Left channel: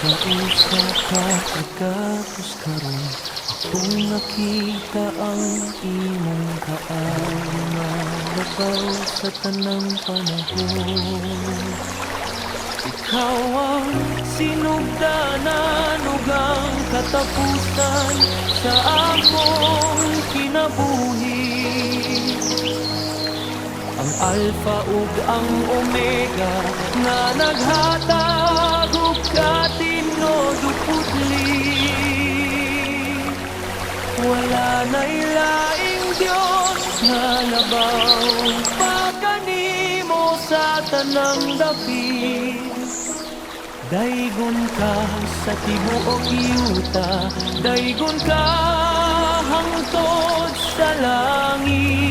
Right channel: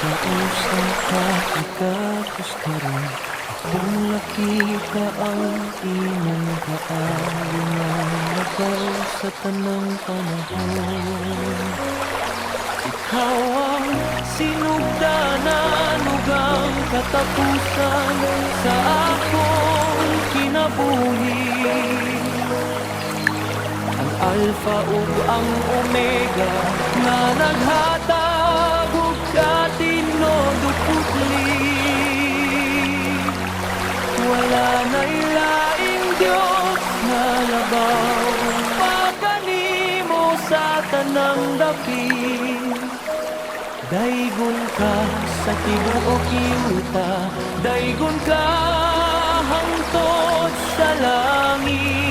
Kausap ka, pagkapos karon akong nakita ang imong kaayo nga labaw sa tanang panahon. Ikaw ang sinugdanan ug ang katapusan sa akong kinabuhi. Ang Alpha ug ang Omega nga naghatag ug katinod ug putli. Wala na'y laing Dios nga labaw pagkanimo sa tanang dapit. Daygon ka sa tibuok yuta, daygon ka hangtod sa langit.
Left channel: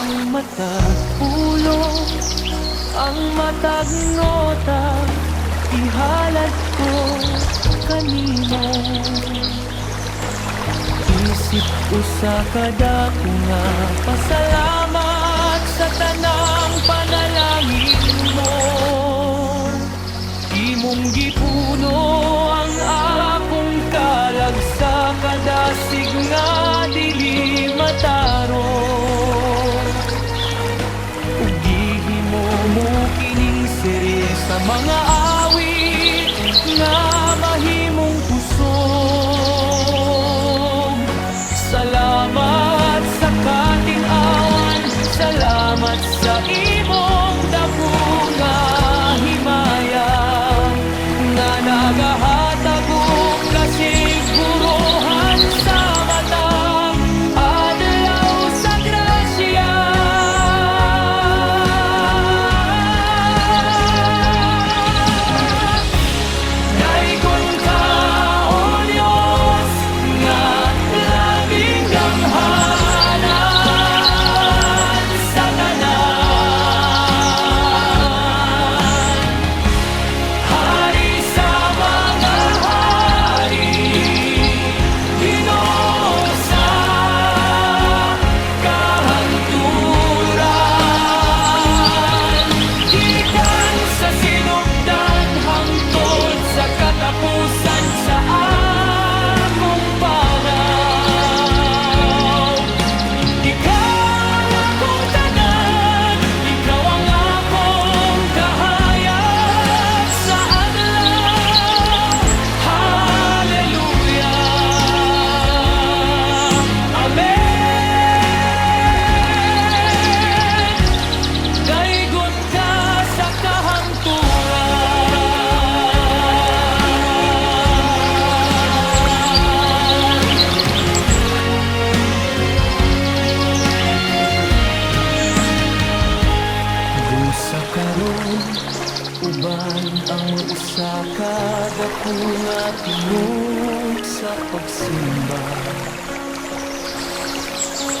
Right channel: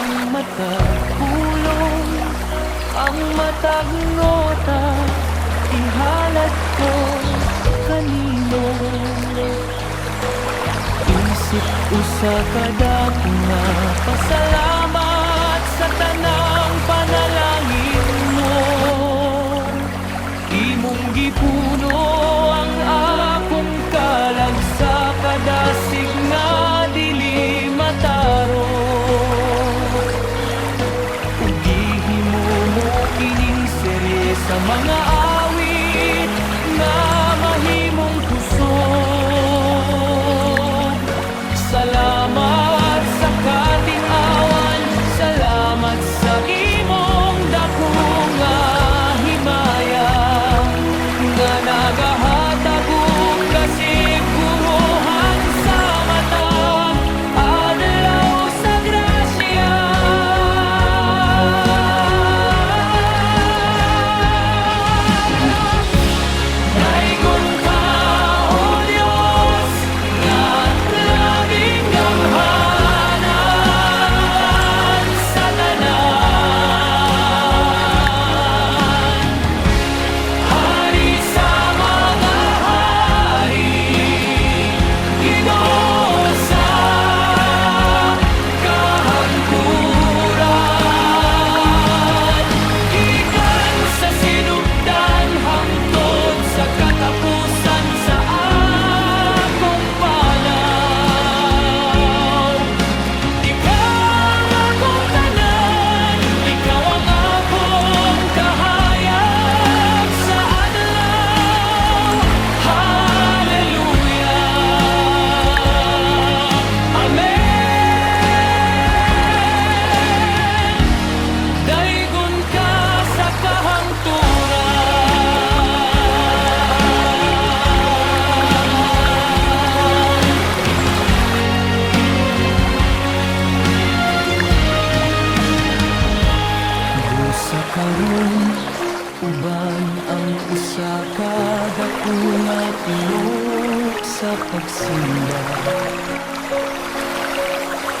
Ang matag pulong, ang matag nota, ihalad ko kanimo. Isip usa kada ko nga pasalamat sa tanang panalangin mo. Imong gipuno ang akong kalag sa kadasig nga dili mataro. Mo kining serye sa mga awit na mahimong kusog. Salamat sa katin-awan, salamat sa imong dako nga himaya nga nagahatag og kasiguruhan sa matag adlaw sa grasya. Sa karon uban ang usa ka dako nga tingog sa pagsimba.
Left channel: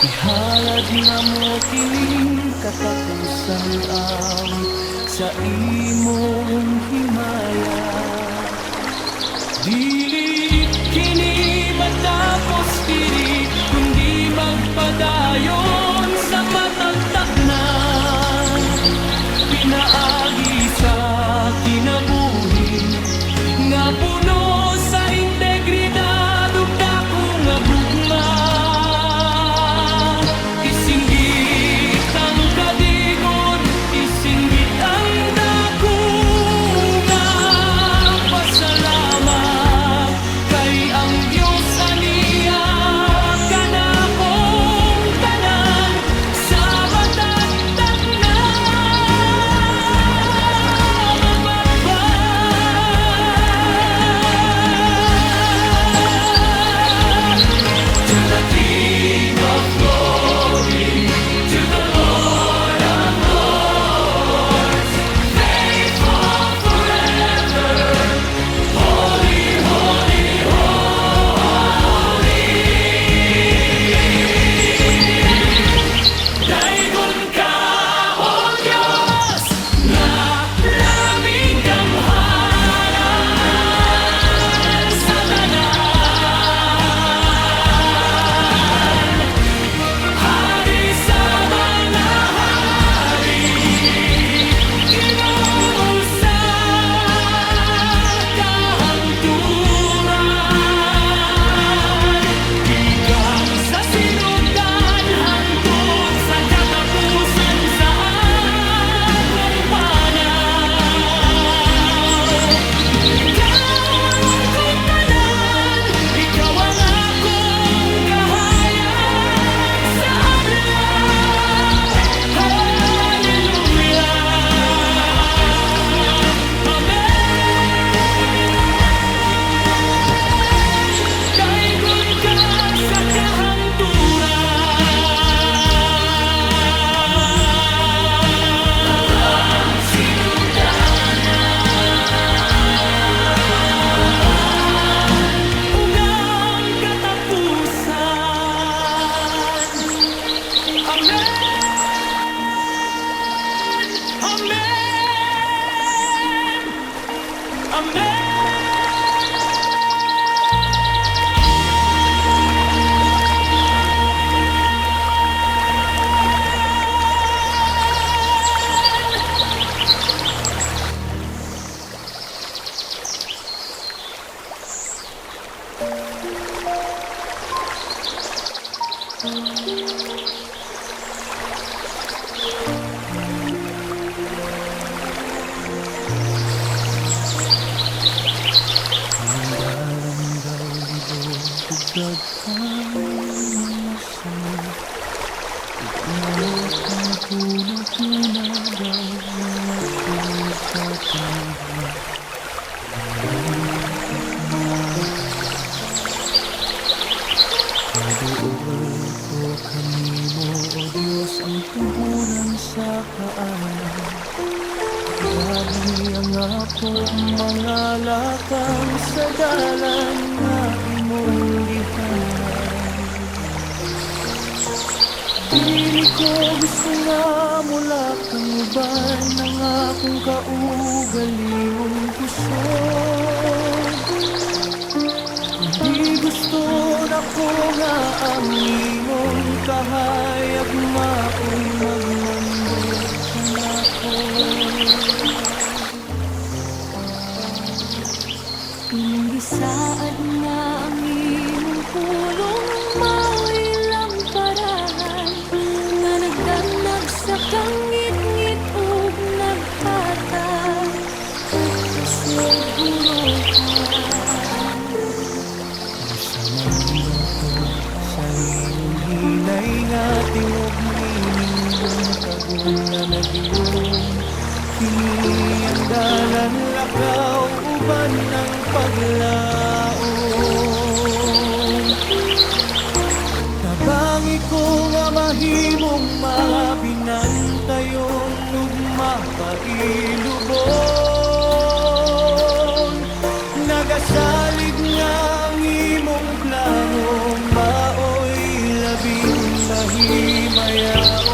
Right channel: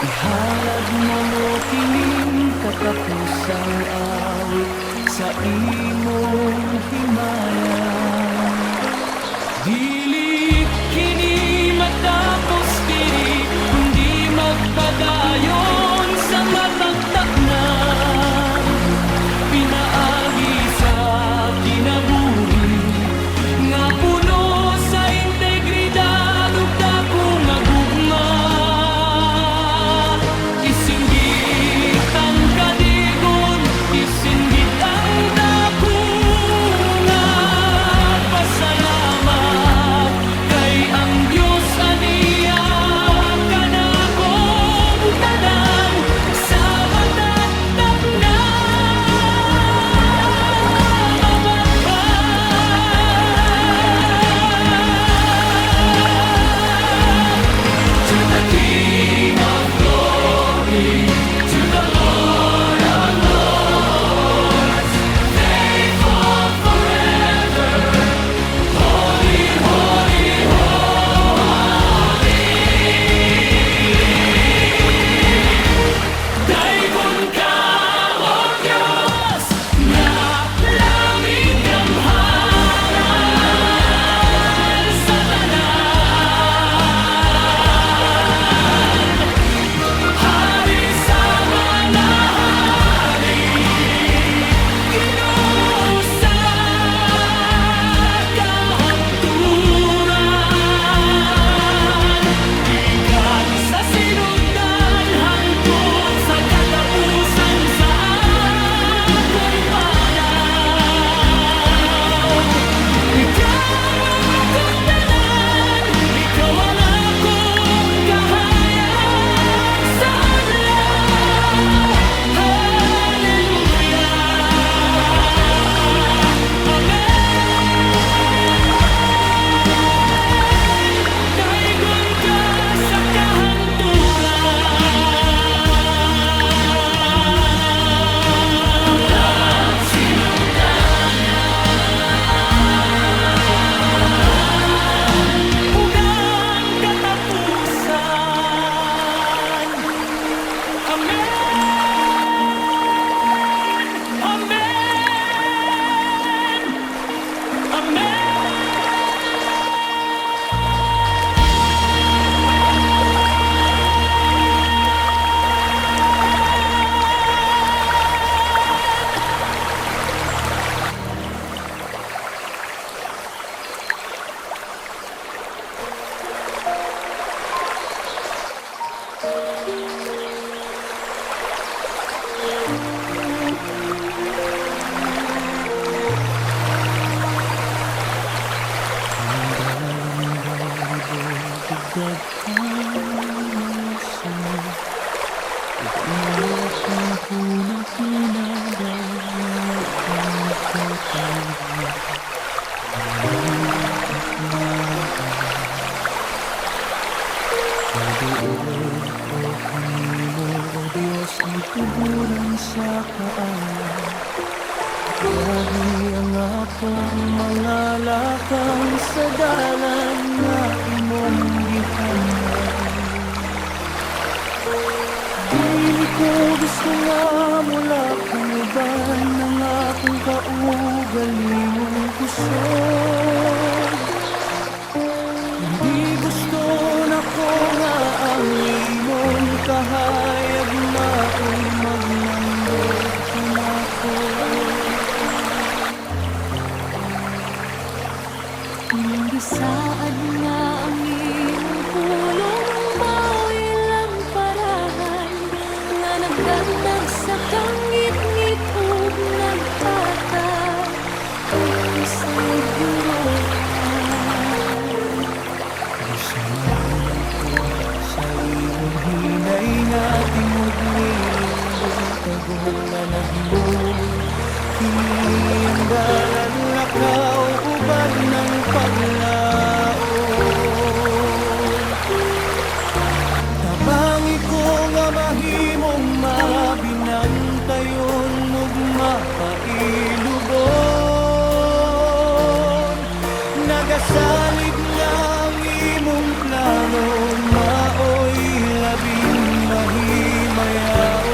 Ihalad na mo kining katapusang awit sa imong himaya. Dili kini matapos diri kundi magpadayon sa matagtak na pinaagi sa kinabuhi nga puno sa integridad ug dako nga gugma. Isinggit ang kadigon, isinggit ang dako nga pasalamat kay ang Dios aniya kanakong tanan. Naduol ko kanimo, O Diyos, ang tuburan sa kaalam. Grabe ang akong mga lakang sa dalan nga imong gihanay. Dili ko gusto nga mula kang uban ng akong kaugalingong kusog. Hindi gusto na ko nga ang imong kahayag mao'y magmando ka na ko. Imbisaad nga ang imong pulong mao'y lamparahan nga nagdanag sa kangit-ngit ug naghatag ug kasiguruhan. Samahan ko sa imong hinay nga tingog nindong tagong na nagingong. Kini ang dalan lakaw uban ng paglaon. Tabangi ko nga mahimong mabinantayon ug mapailubon. Nagasalig nga ang imong plano mao'y labing mahimayaon.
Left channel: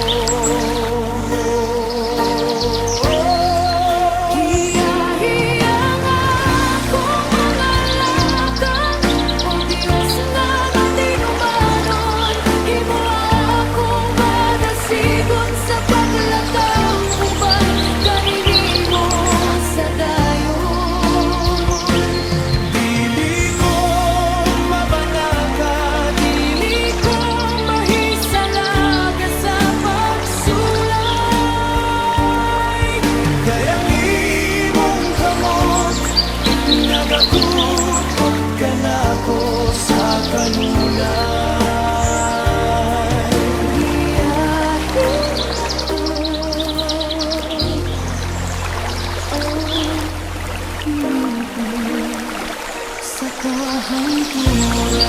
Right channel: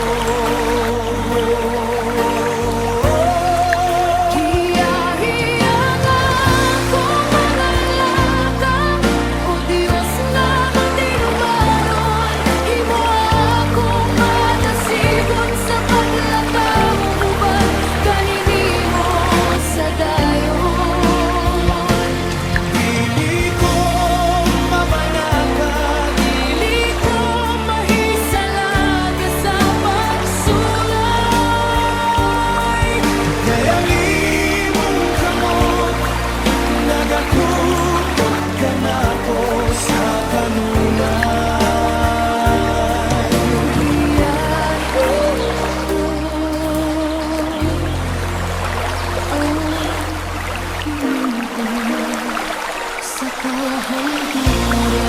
Nagakupot ka na ko sa kanunay. Giyahin ako ang hiling Sa kahanturan.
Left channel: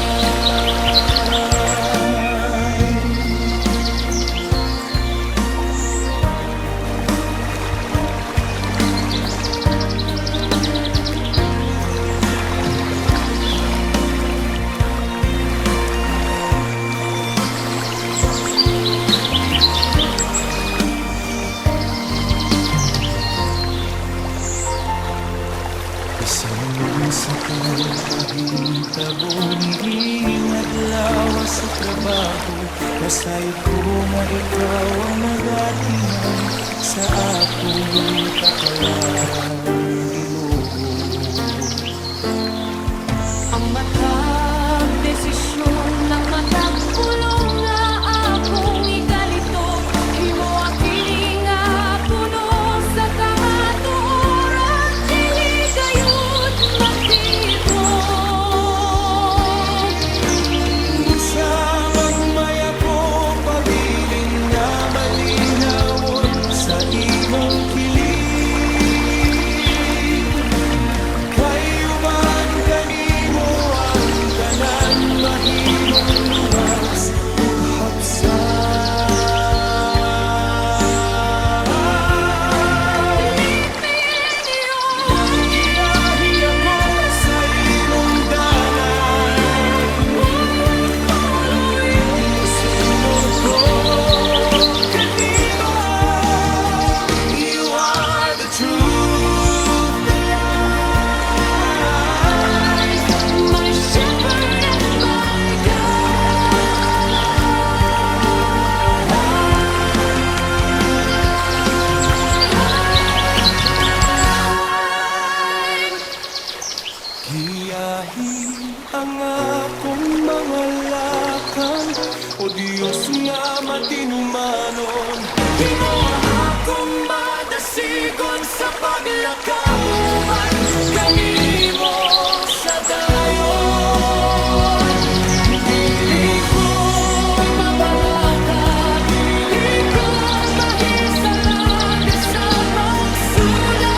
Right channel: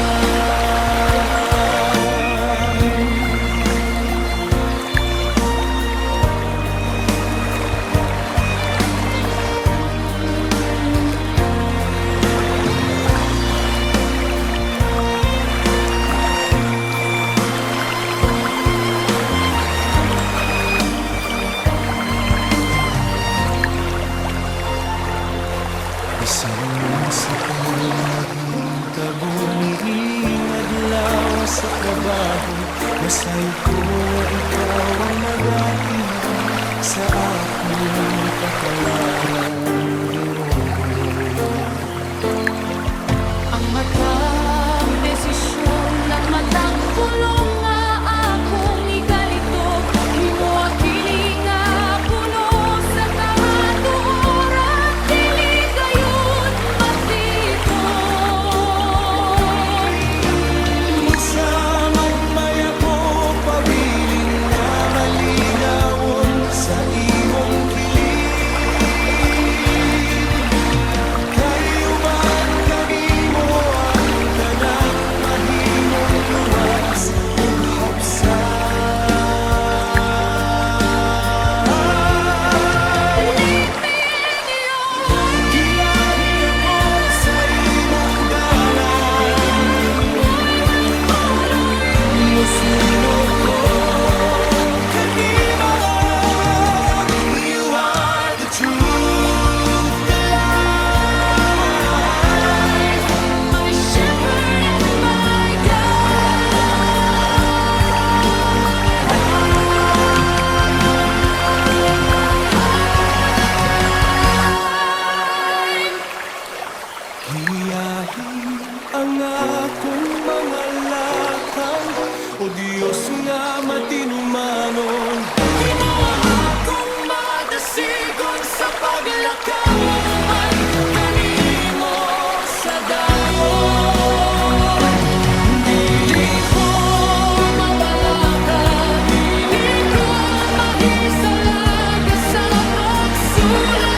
Isang sa naging tabo niing adlaw sa trabaho. Nasayod ko nga ikaw ang nagatihan sa akong kapalaran, Ginoo. ang matag desisyon ng matag pulong nga akong igalitok. Himo kini nga puno sa kamatuoran, dili gayud matipon. Busa magmaya ko pabilin nga malinawon sa imong kilid. Kayuban kanimo ang tanan mahimong luwas ug hapsay. Giyahi ako sa imong dalan, musunod ko kanimo. You are the truth, the life, My shepherd and my guide. giyahi ang akong mga lakang, O Diyos nga matinumanon. Di mo sigon sa paglakaw, balik kanimo sa dayon. Dili ko mabalaka, dili ko mahisalag sa pagsulay.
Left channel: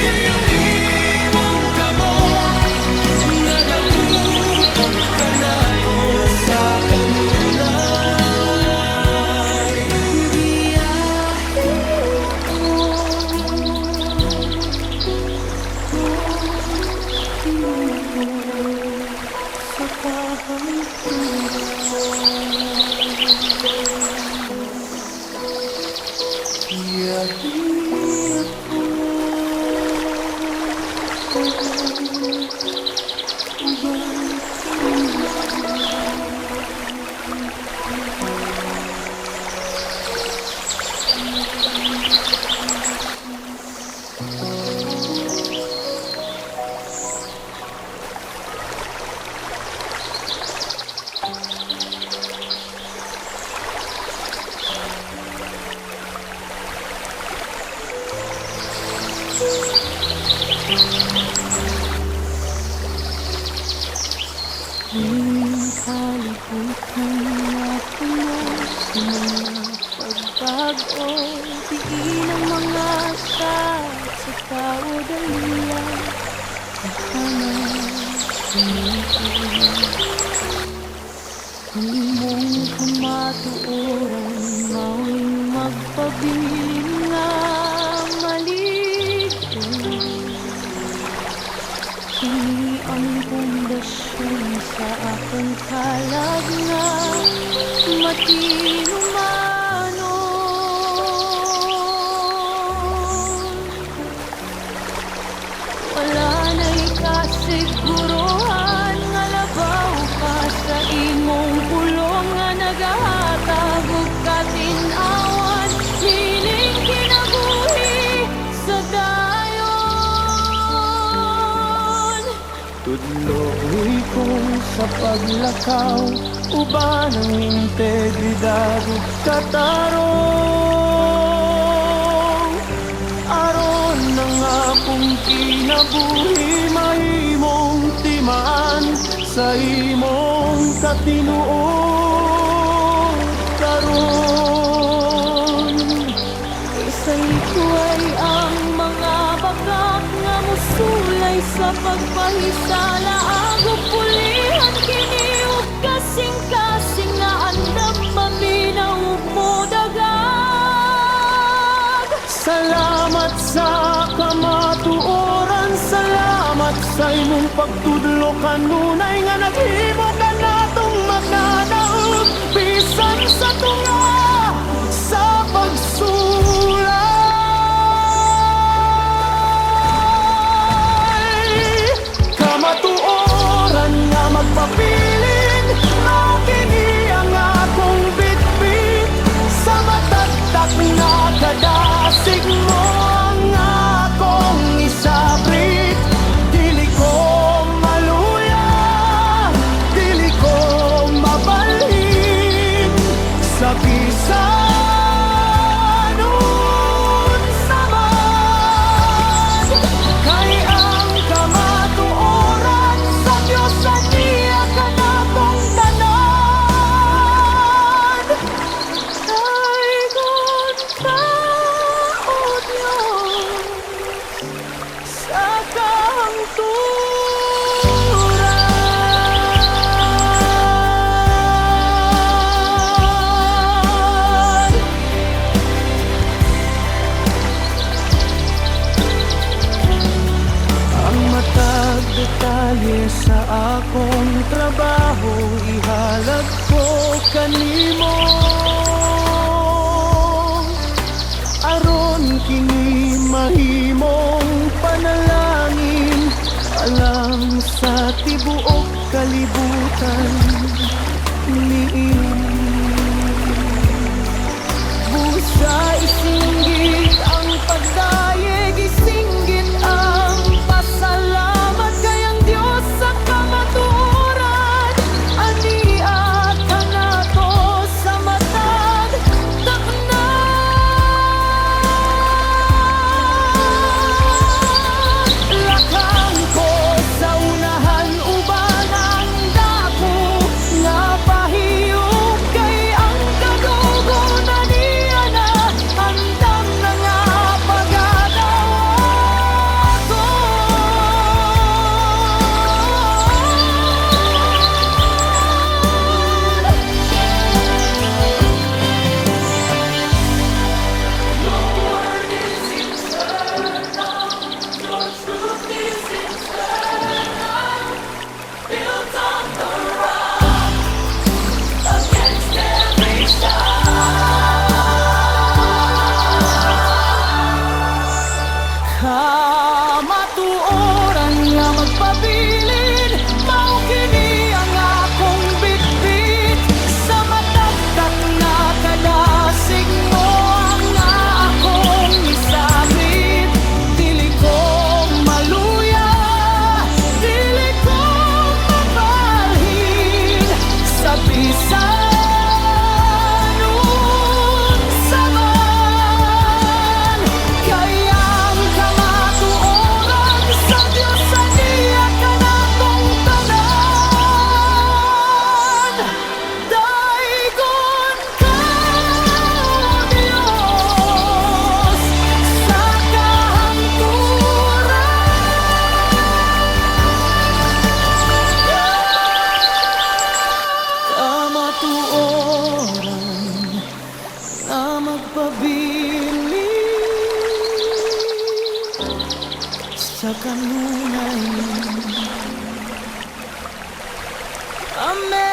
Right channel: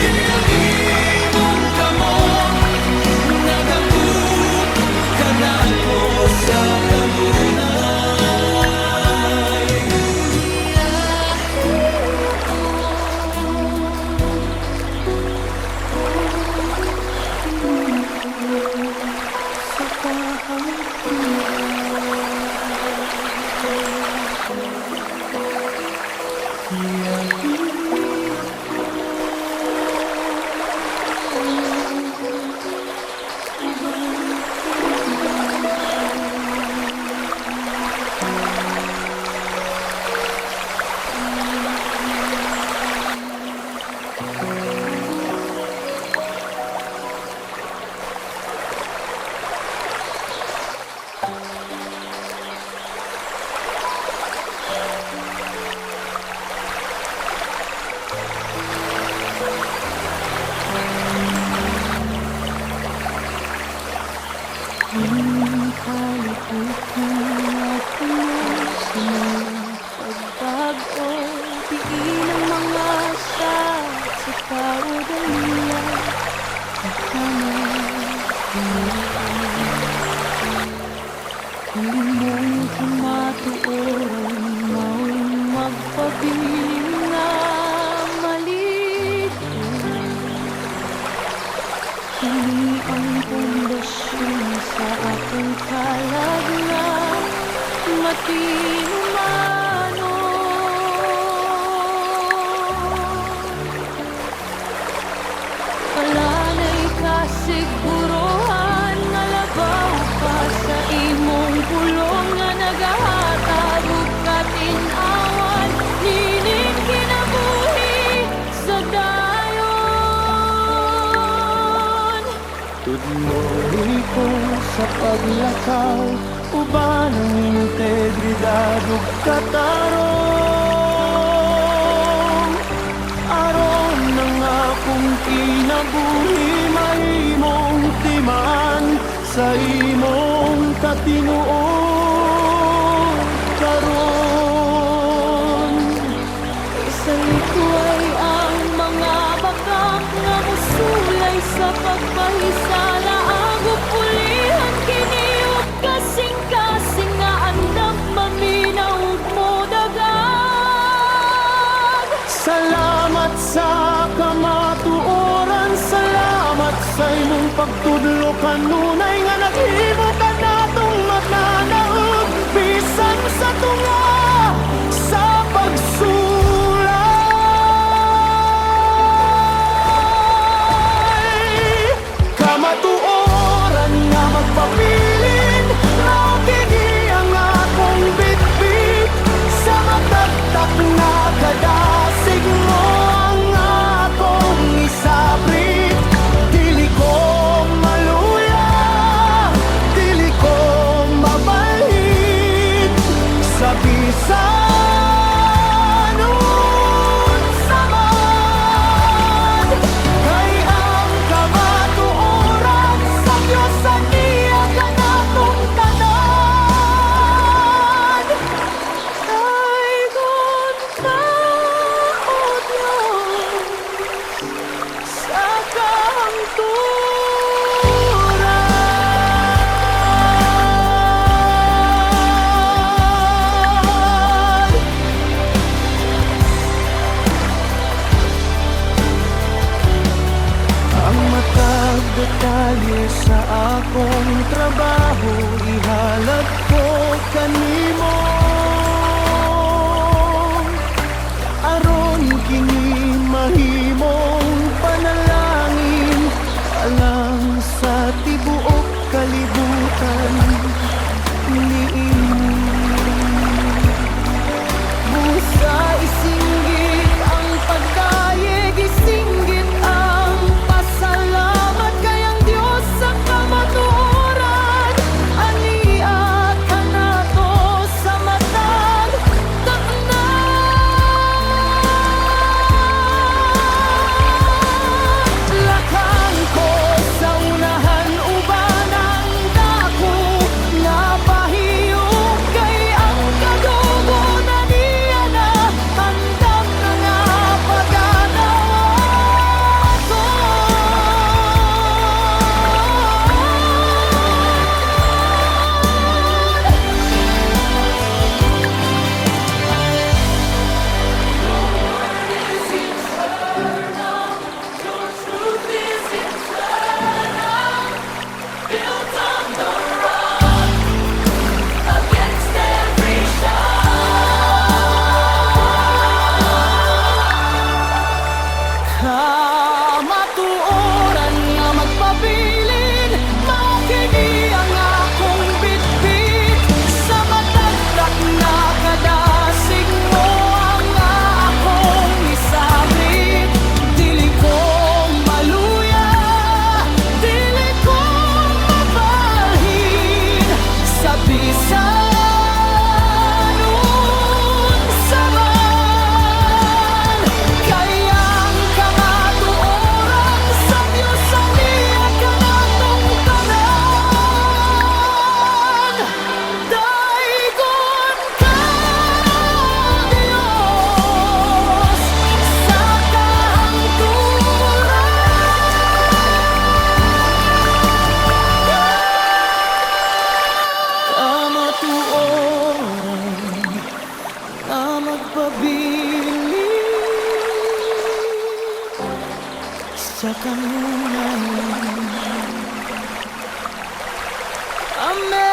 Kayang imong kamot, nagakupot ka na ko sa kanunay. Giyahin ako, tingin ko sa kahangturan. Giyahin ako, uban ka ang kalibutan na puno sa mga pagbago. Diin ang mga asat sa kaudalian, kahanap sumuot. Kung imong kamatuoran, mawing magpabilin nga maligo. Kini ang pundasyon sa akong kalag nga matinumanon. Wala na'y kasiguruhan nga labaw ka sa imong pulong nga nagahatag ug katinawan. Hiling kinabuhi sa dayon. Tudloy ko sa paglakaw, uban ang integridad ug katarong. Aron ng akong kinabuhi, mahimong timaan sa imong katinuod karon. Sa likway ang mga bakak nga musulay sa pagpahisala. Agop pulihan kini ug kasing-kasing nga andam maminaw mo dagag. Salamat sa kamatuoran, salamat sa imong pagtudlo kanunay nga naghimo ka natong magnanaog bisan sa tunga sa pagsulay. Kamatuoran nga magpabilin, mao kini ang akong bitbit. Sa matagtak na kadasig mo ang akong isabrit. Dili ko maluya, dili ko mabalhin sa bisan unsa man. Kay ang kamatuoran sa Dios aniya kanatong tanan. Ay kontra o Dios sa kahangturan. Ang matag detalye sa akong trabaho, ihalad ko kanimo. Aron kini mahimong panalangin, alang sa tibuok kalibutan niini. Busa isinggit ang pagdayeg, isinggit ang pasalamat. Kayang Dios sa kamatuoran, ania kanato sa matag takna. unsa man kayang kamatuoran sa Dios sa niya kanatong tanan. Daigon ka, Dios, sa kamatuoran na magpabili sa kanunay. Amen.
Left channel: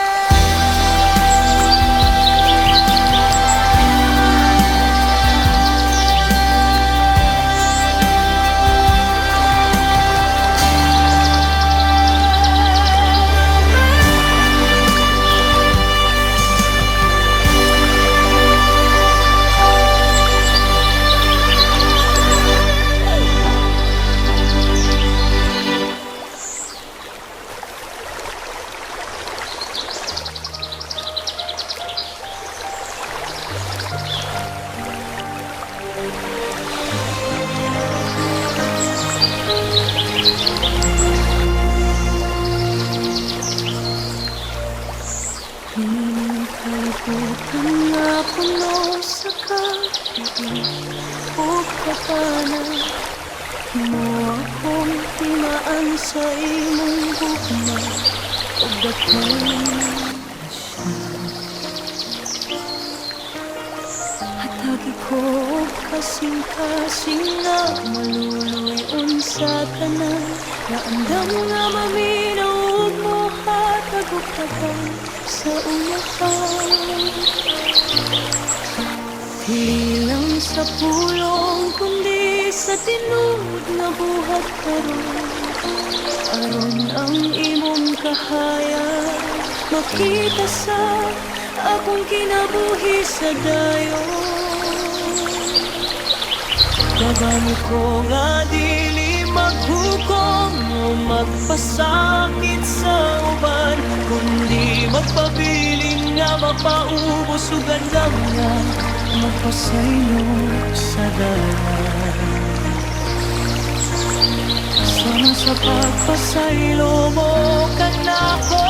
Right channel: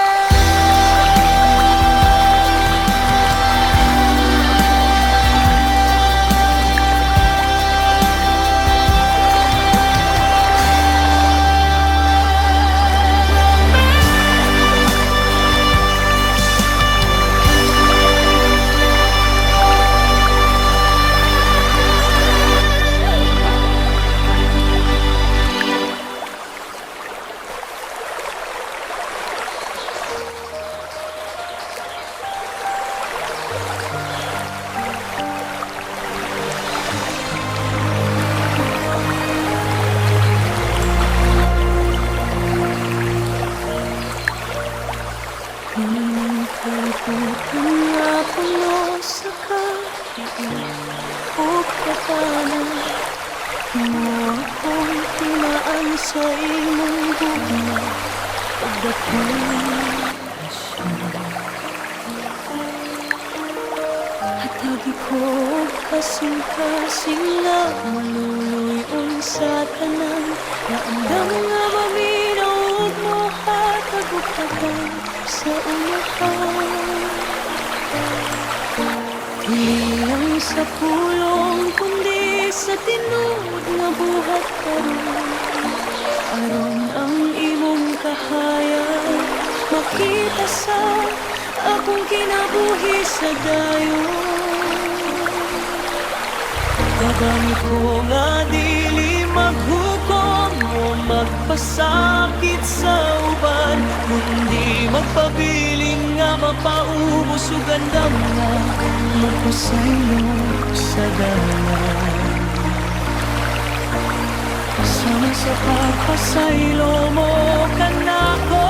Hining kalibutan nga puno sa kapiit o kapanan, mo akong tinaan sa imong gugma o dakong asyan. Hatagi ko kasing-kasing nga maluluyon sa tanan, na andam nga maminaw ug mohatag og tabang sa unahan. Dili lang sa pulong kundi sa tinud nga buhat karon, aron ang imong kahayag makita sa akong kinabuhi sa dayon. Kagamit ko nga dili maghukom o magpasakit sa uban, kundi magpabilin nga mapaubos ug andam nga mapasaylo sa dalan. Sama sa pagpasaylo mo kanako,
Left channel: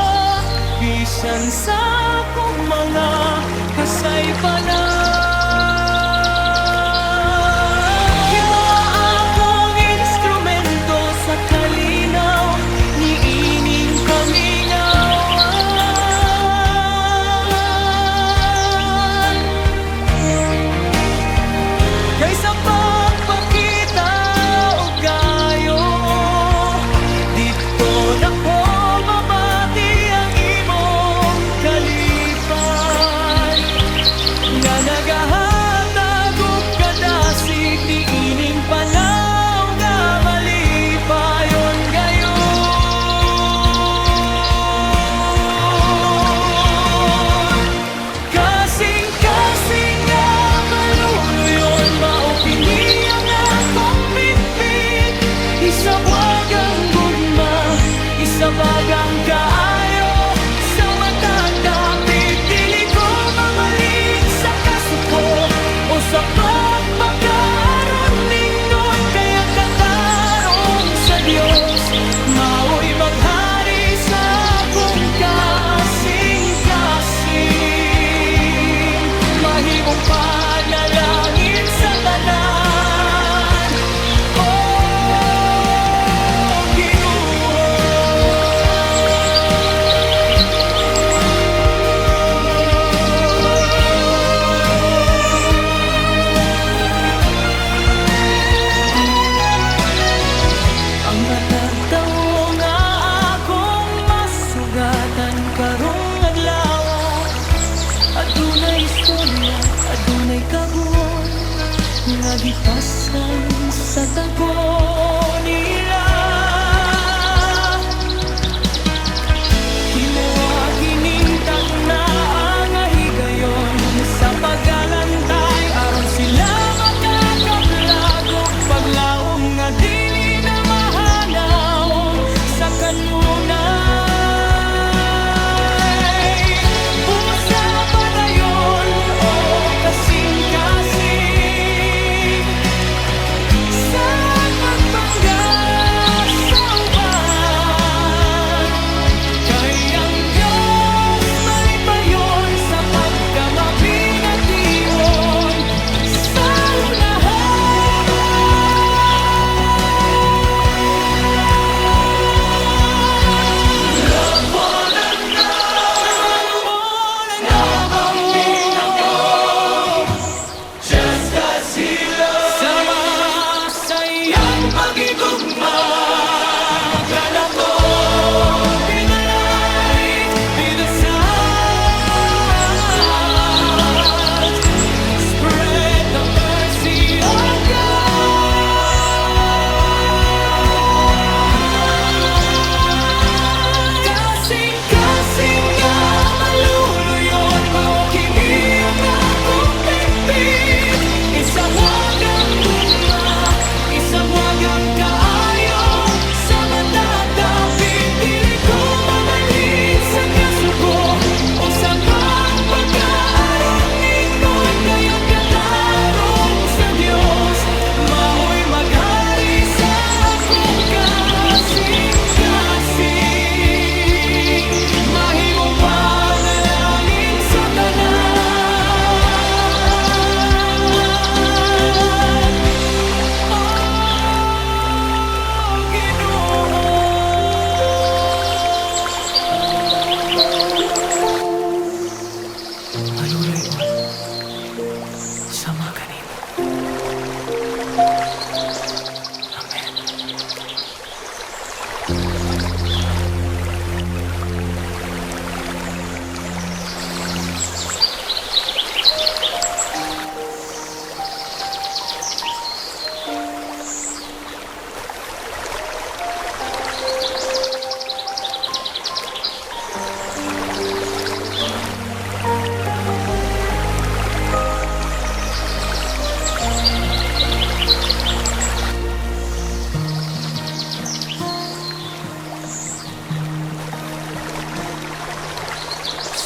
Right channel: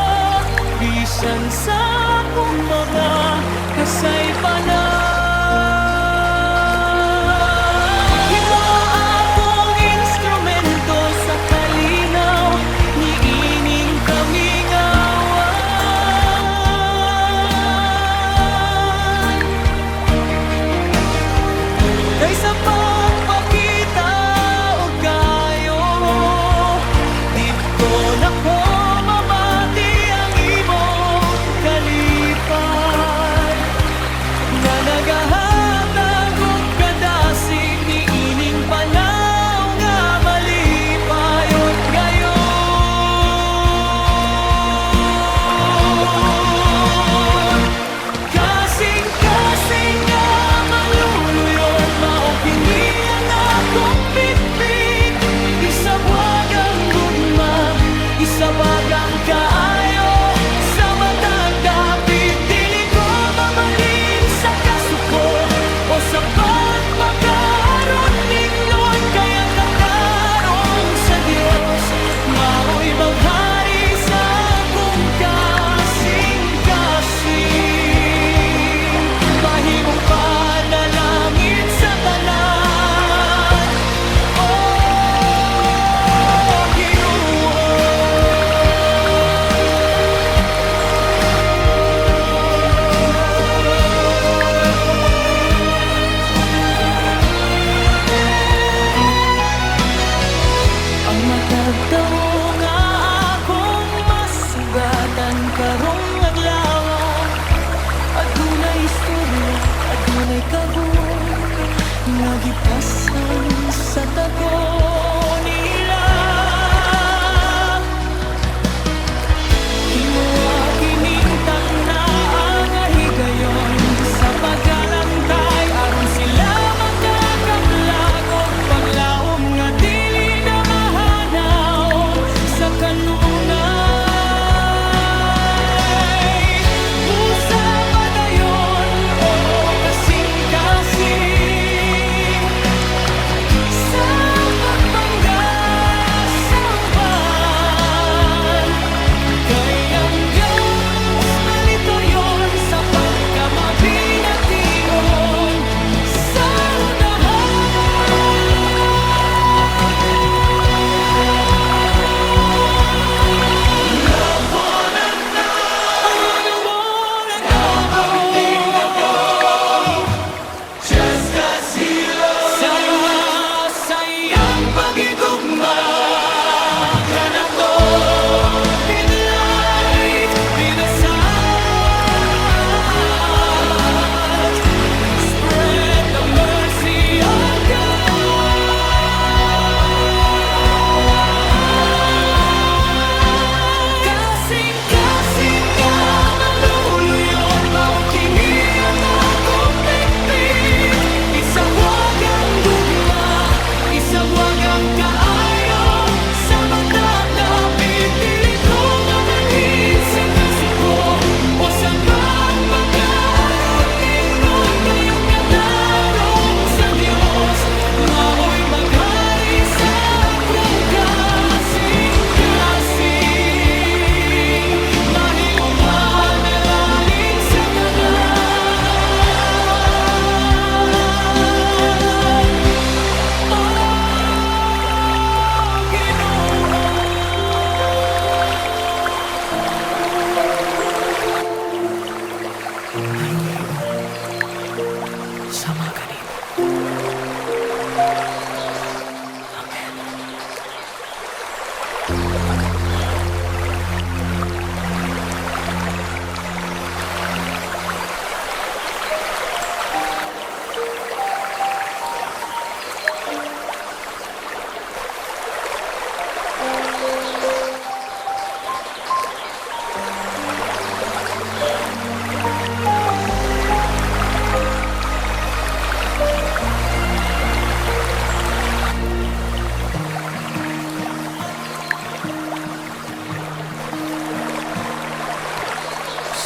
bisan sa akong mga kasaypanan. Sa kalinaw ni ining kamingawan, kaysa pagpakita o kayo, dito na ko mamati ang imong kalipay, na nagahatag og kadasig ni ining panahon. Isabagang kaayo sa matang dapit, dili ko mamalin sa kasuko o sa pagpakaroon ningnon, kayang katarong sa Dios mao'y maghari sa akong kasing-kasing, mahimong panalangin sa tanan. Ang matagtaw nga akong masugatan karong adlaw, adunay istorya, adunay kagon nga gipasan sa tago nila. Himuwa kinintak na ang higayon sa pagalantay, aron sila makakablag og paglaom nga dili sa kanunay. Busa sa mga ganito. Amen.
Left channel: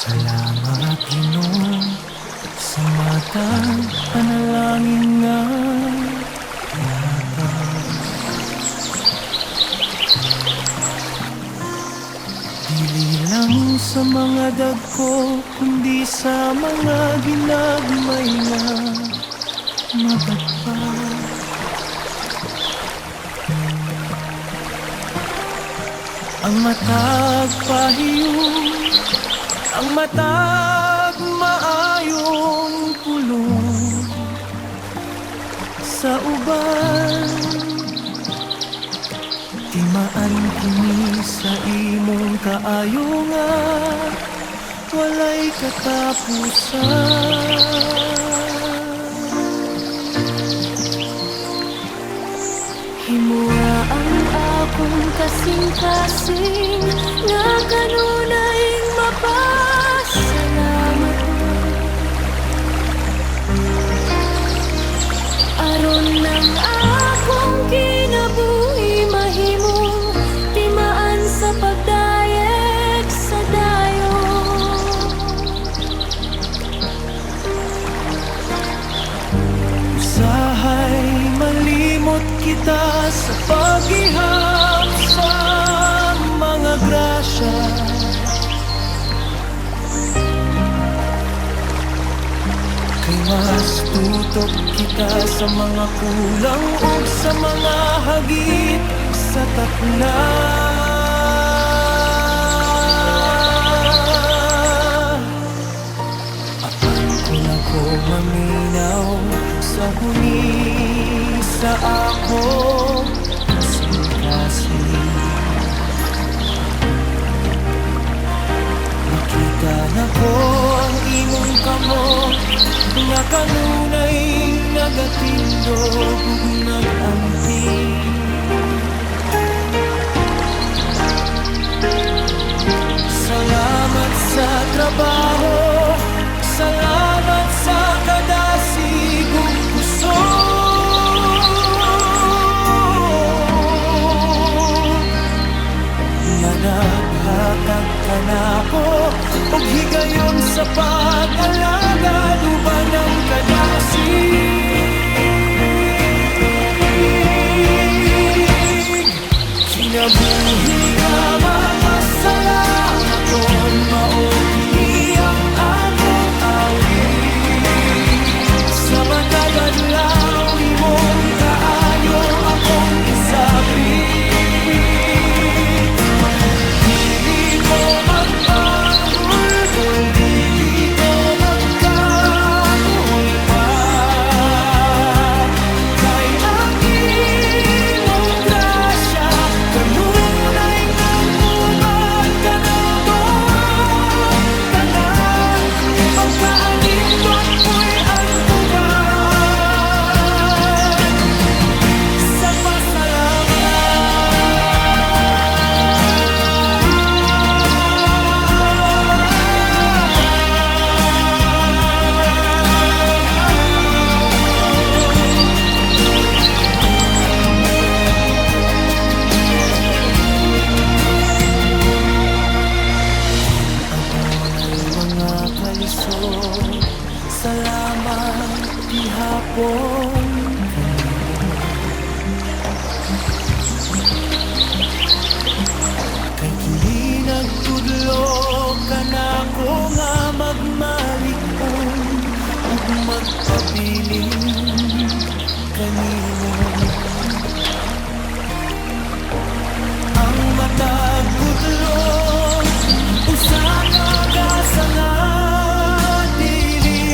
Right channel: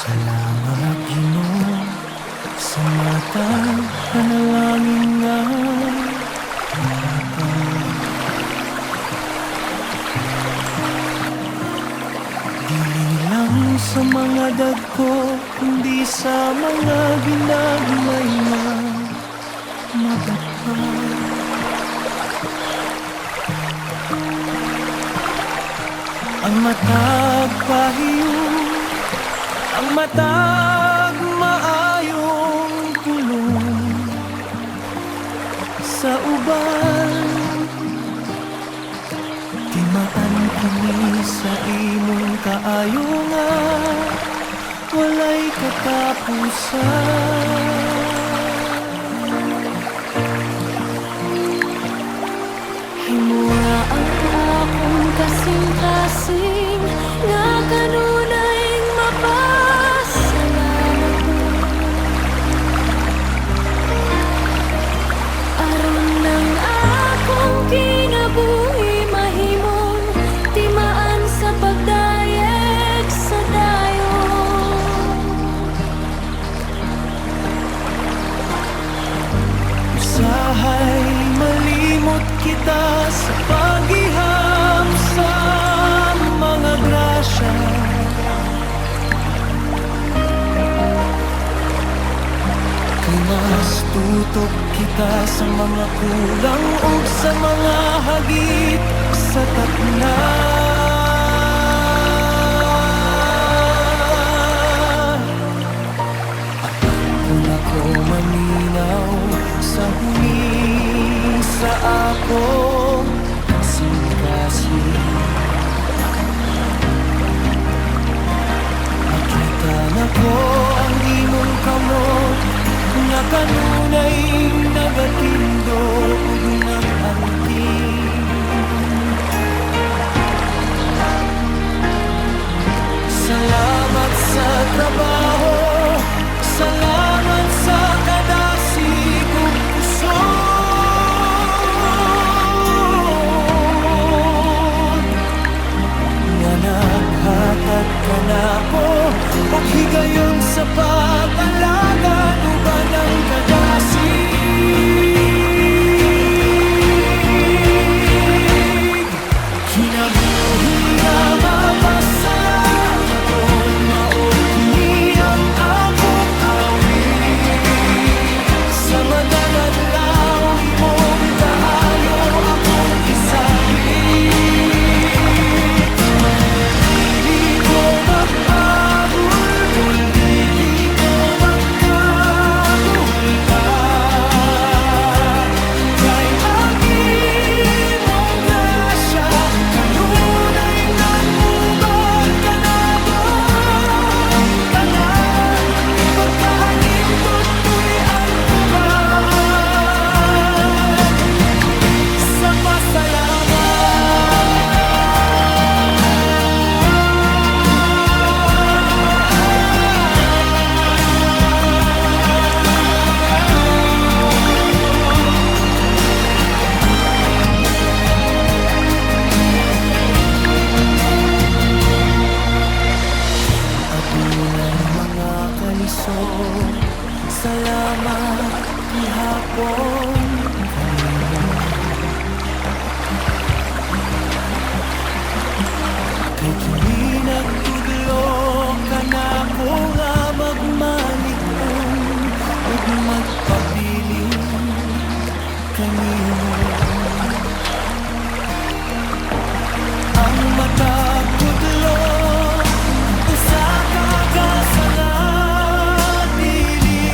Salamat, Ginoo, sa matang panalangin nga tinatag. Dili lang sa mga dagko, kundi sa mga ginagmay nga mabatpag. Ang matag pahiyong, ang matag maayong tulong sa uban. Timaan kini sa imong kaayo nga walay katapusan. Himura ang akong kasing-kasing nga kanunay mapasalamat ko. Aron ng akong kinabuhi mahimong timaan sa pagdayeg sa dayon. Usahay malimot kita sa paghihap sa mga grasya. Kay mas tutok kita sa mga kulang ug sa mga hagit sa takna. Apan kung ako maminaw sa huni sa ako kasing-kasing, makita na ko ang imong kamot nga kanunay nagatindog ug nag-anting. Salamat sa trabaho, salamat sa kadasig ug kusog nga naghatag ka nako og higayon sa pag-alagad uban ang kadasig. Kinabuhi nga mapasalamaton, mao kini ang akong awit. Sa matag adlaw imong kaayo akong isabit. Dili ko magbagul-gul, dili ko magkagul pa. Kay ang imong grasya kanunay nag-ubad ka na dong tanan. Pagkaanindot mo'y ang uban sa pasalamat. Adunay mga kalisod, salamat gihapon kanimo. Kay kini nagtudlo ka nako nga magmalig-on ug magpabiling kanimo. Ang matag gutlo usa ka gasa nga dili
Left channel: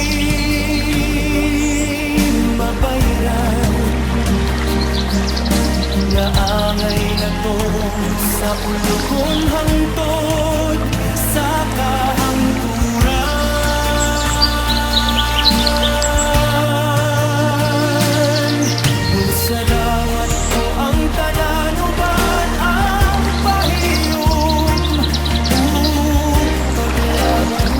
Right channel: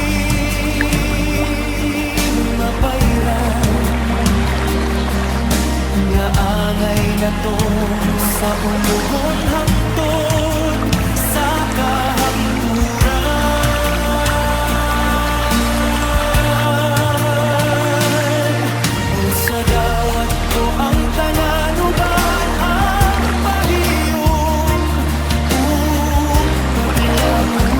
nga angay natong sa ulugon hangtod sa kahangturan. Busa dawat ko ang tanan uban ang pahiyom ug paglaom.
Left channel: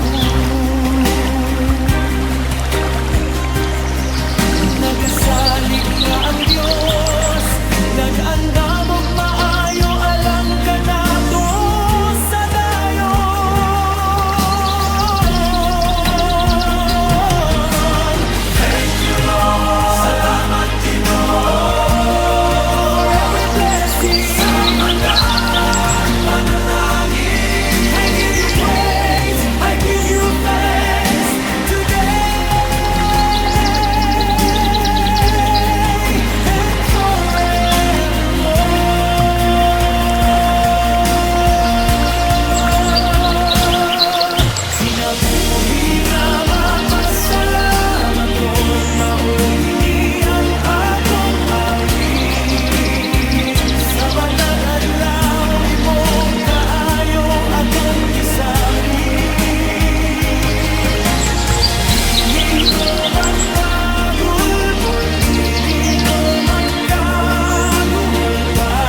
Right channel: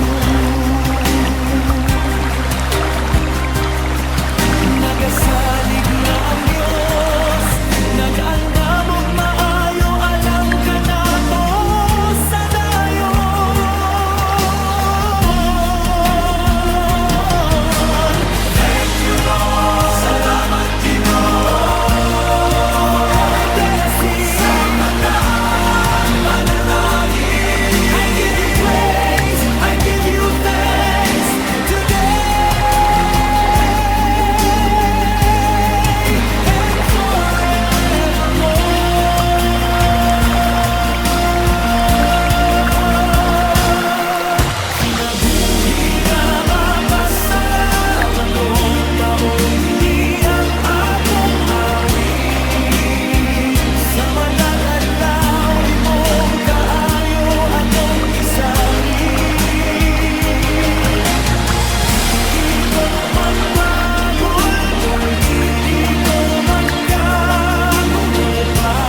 Nagasalig nga ang Dios, nag-andam og maayo alang kanato sa dayon. Thank you Lord, salamat Ginoo for every blessing. Salamat panalangin. I give you praise, I give you thanks today. Buhi nga mapasalamat mao kini ang akong awit. Sa matag adlaw imong kaayo akong isabrit. Dili ko magpagulbol, dili ko magkagul pa.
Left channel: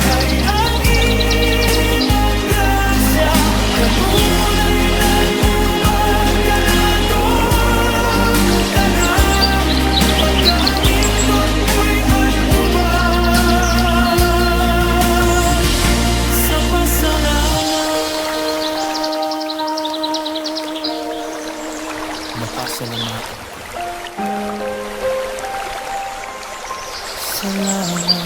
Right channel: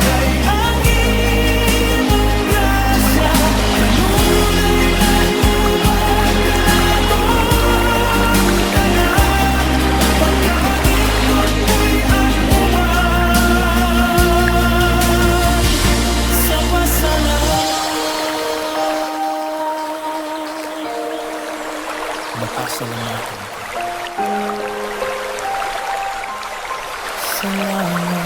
Kay ang imong grasya kanunay nag-ubad ka natong tanan. Pagkaanindot mo'y an-uban sa pasalamat. Napasalamatan ko. Salamat.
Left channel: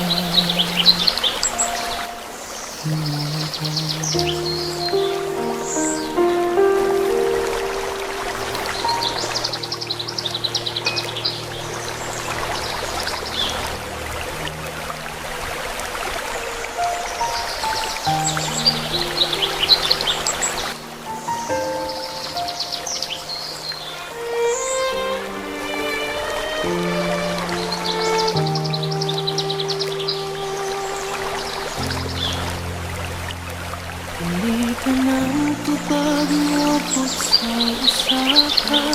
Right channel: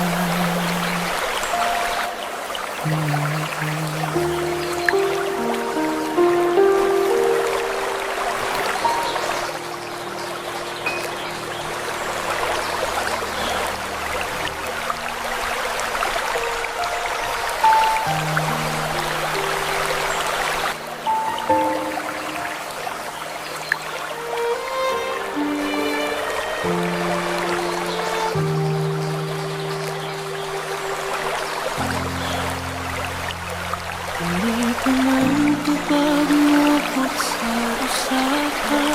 Hindi ka nang tupag mo po sa usaka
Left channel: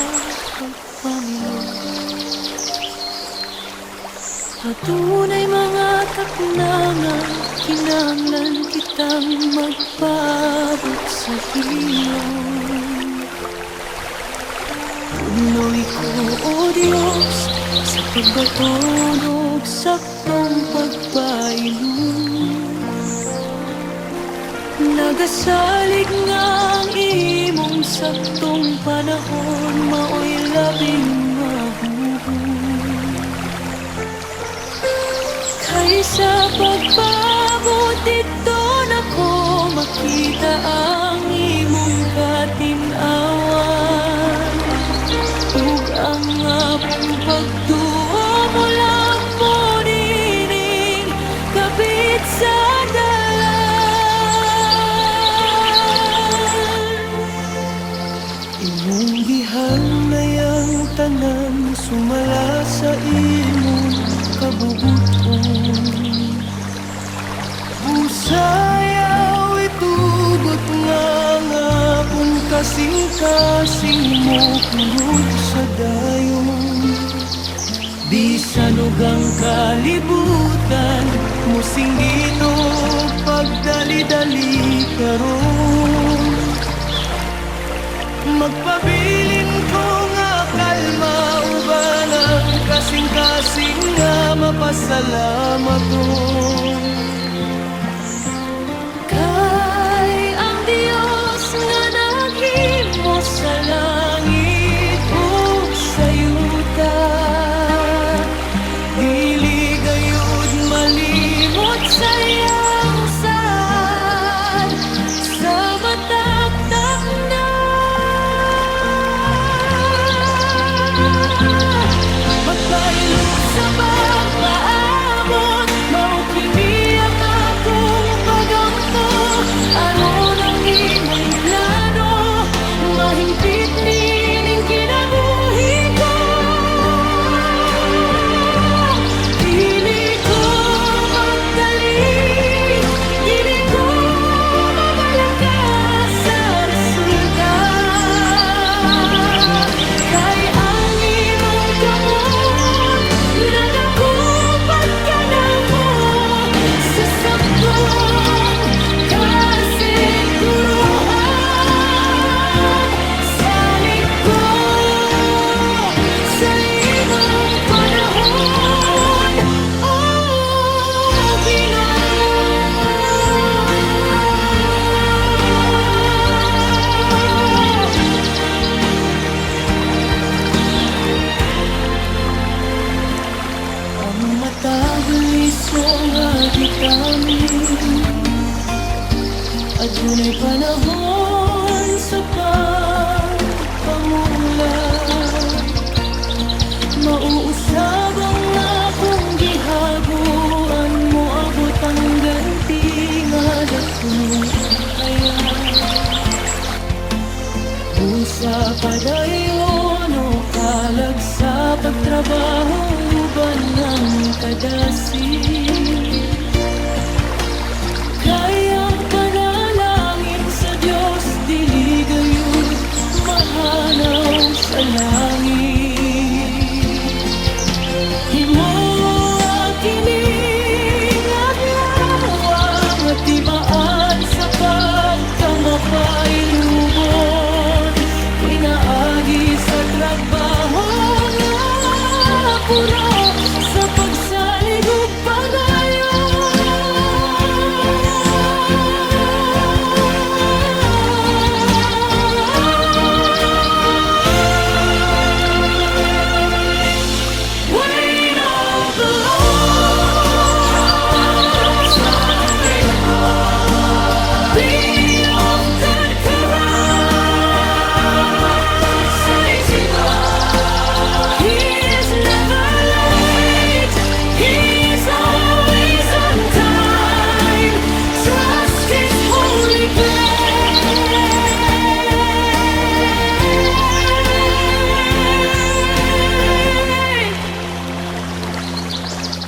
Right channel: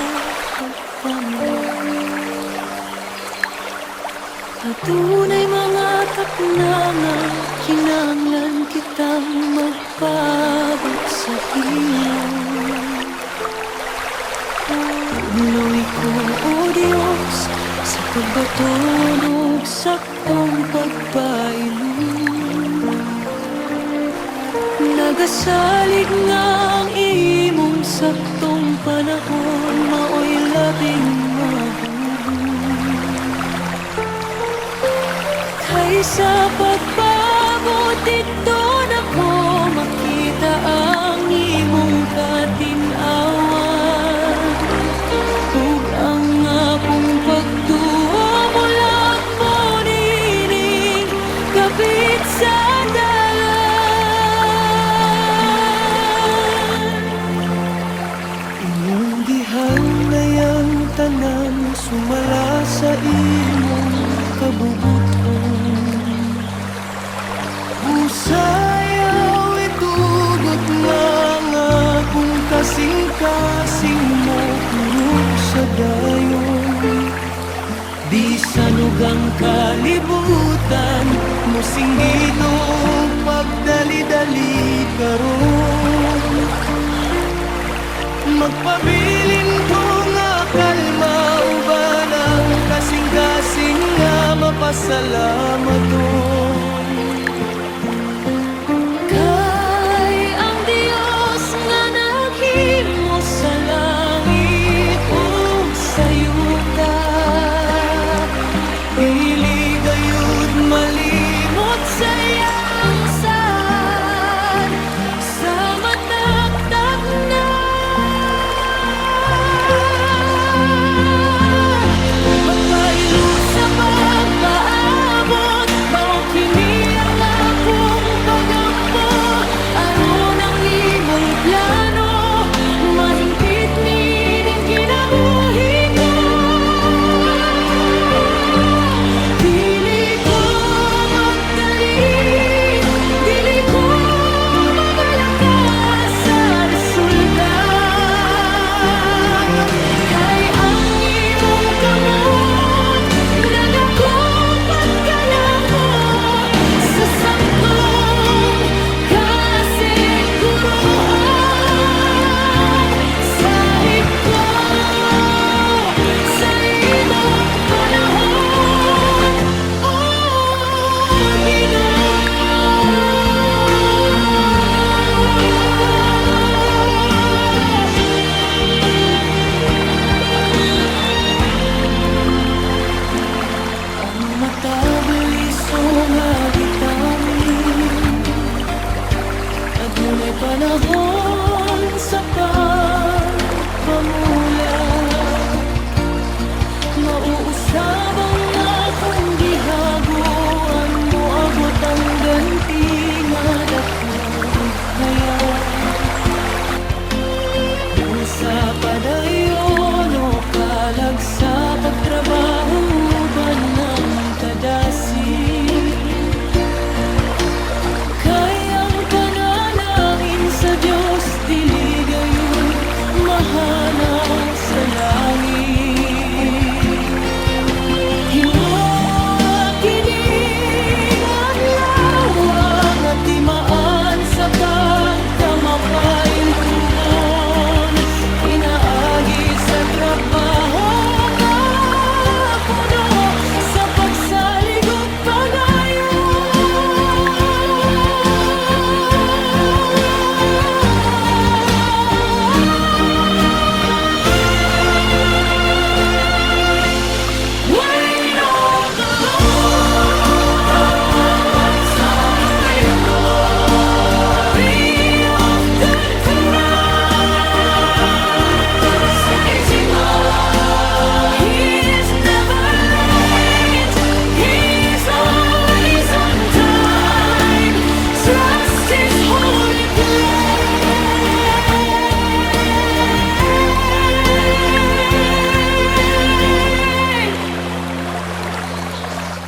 pagpamilya. Patunay mga taknangan, kinanglan kitang magpabot sa hilong. Tuloy ko, O Diyos, sa pagbatunog saktong pagpainom. Nagasalig nga ang imong saktong panahon, mao'y labing mabubuo. Kaysa pagpabot dito na ko makita ang imong katinawan. Ug ang apong pagtuo mo lang mo nining kapit sa imong gihangnayang tanan sumala sa imong kabubuton. Busayaw itugot nga nga kung kasing-kasing mo kurog sa dayon. Bisan ug ang kalibutan mo singgito pagdali-dali karon. Magpabilin ko nga kalma uban ang kasing-kasing nga mapasalamaton. Kay ang Dios nga naghimo sa langit ug sa yuta, dili gayud malimot sa iyang sad sa mataktak na. Magpailog sa pagpaabot, mao kini itamin. Adunay panahon sa pagpamula. Mauusab ang akong gihaguan mo, abot ang ganti nga dako kaya. Usa padayon o kalag sa pagtrabaho ba ng kadasi. Kayang panalangin sa Diyos, dili gayud mahanaw sa langit. Himo kining adlaw nga timaan sa pagkamapaylugon. Inaagi sa trabaho nga puno sa pagsalig ug wait on the Lord. Be of good courage. He is never late. He's always on time. Trust His holy place.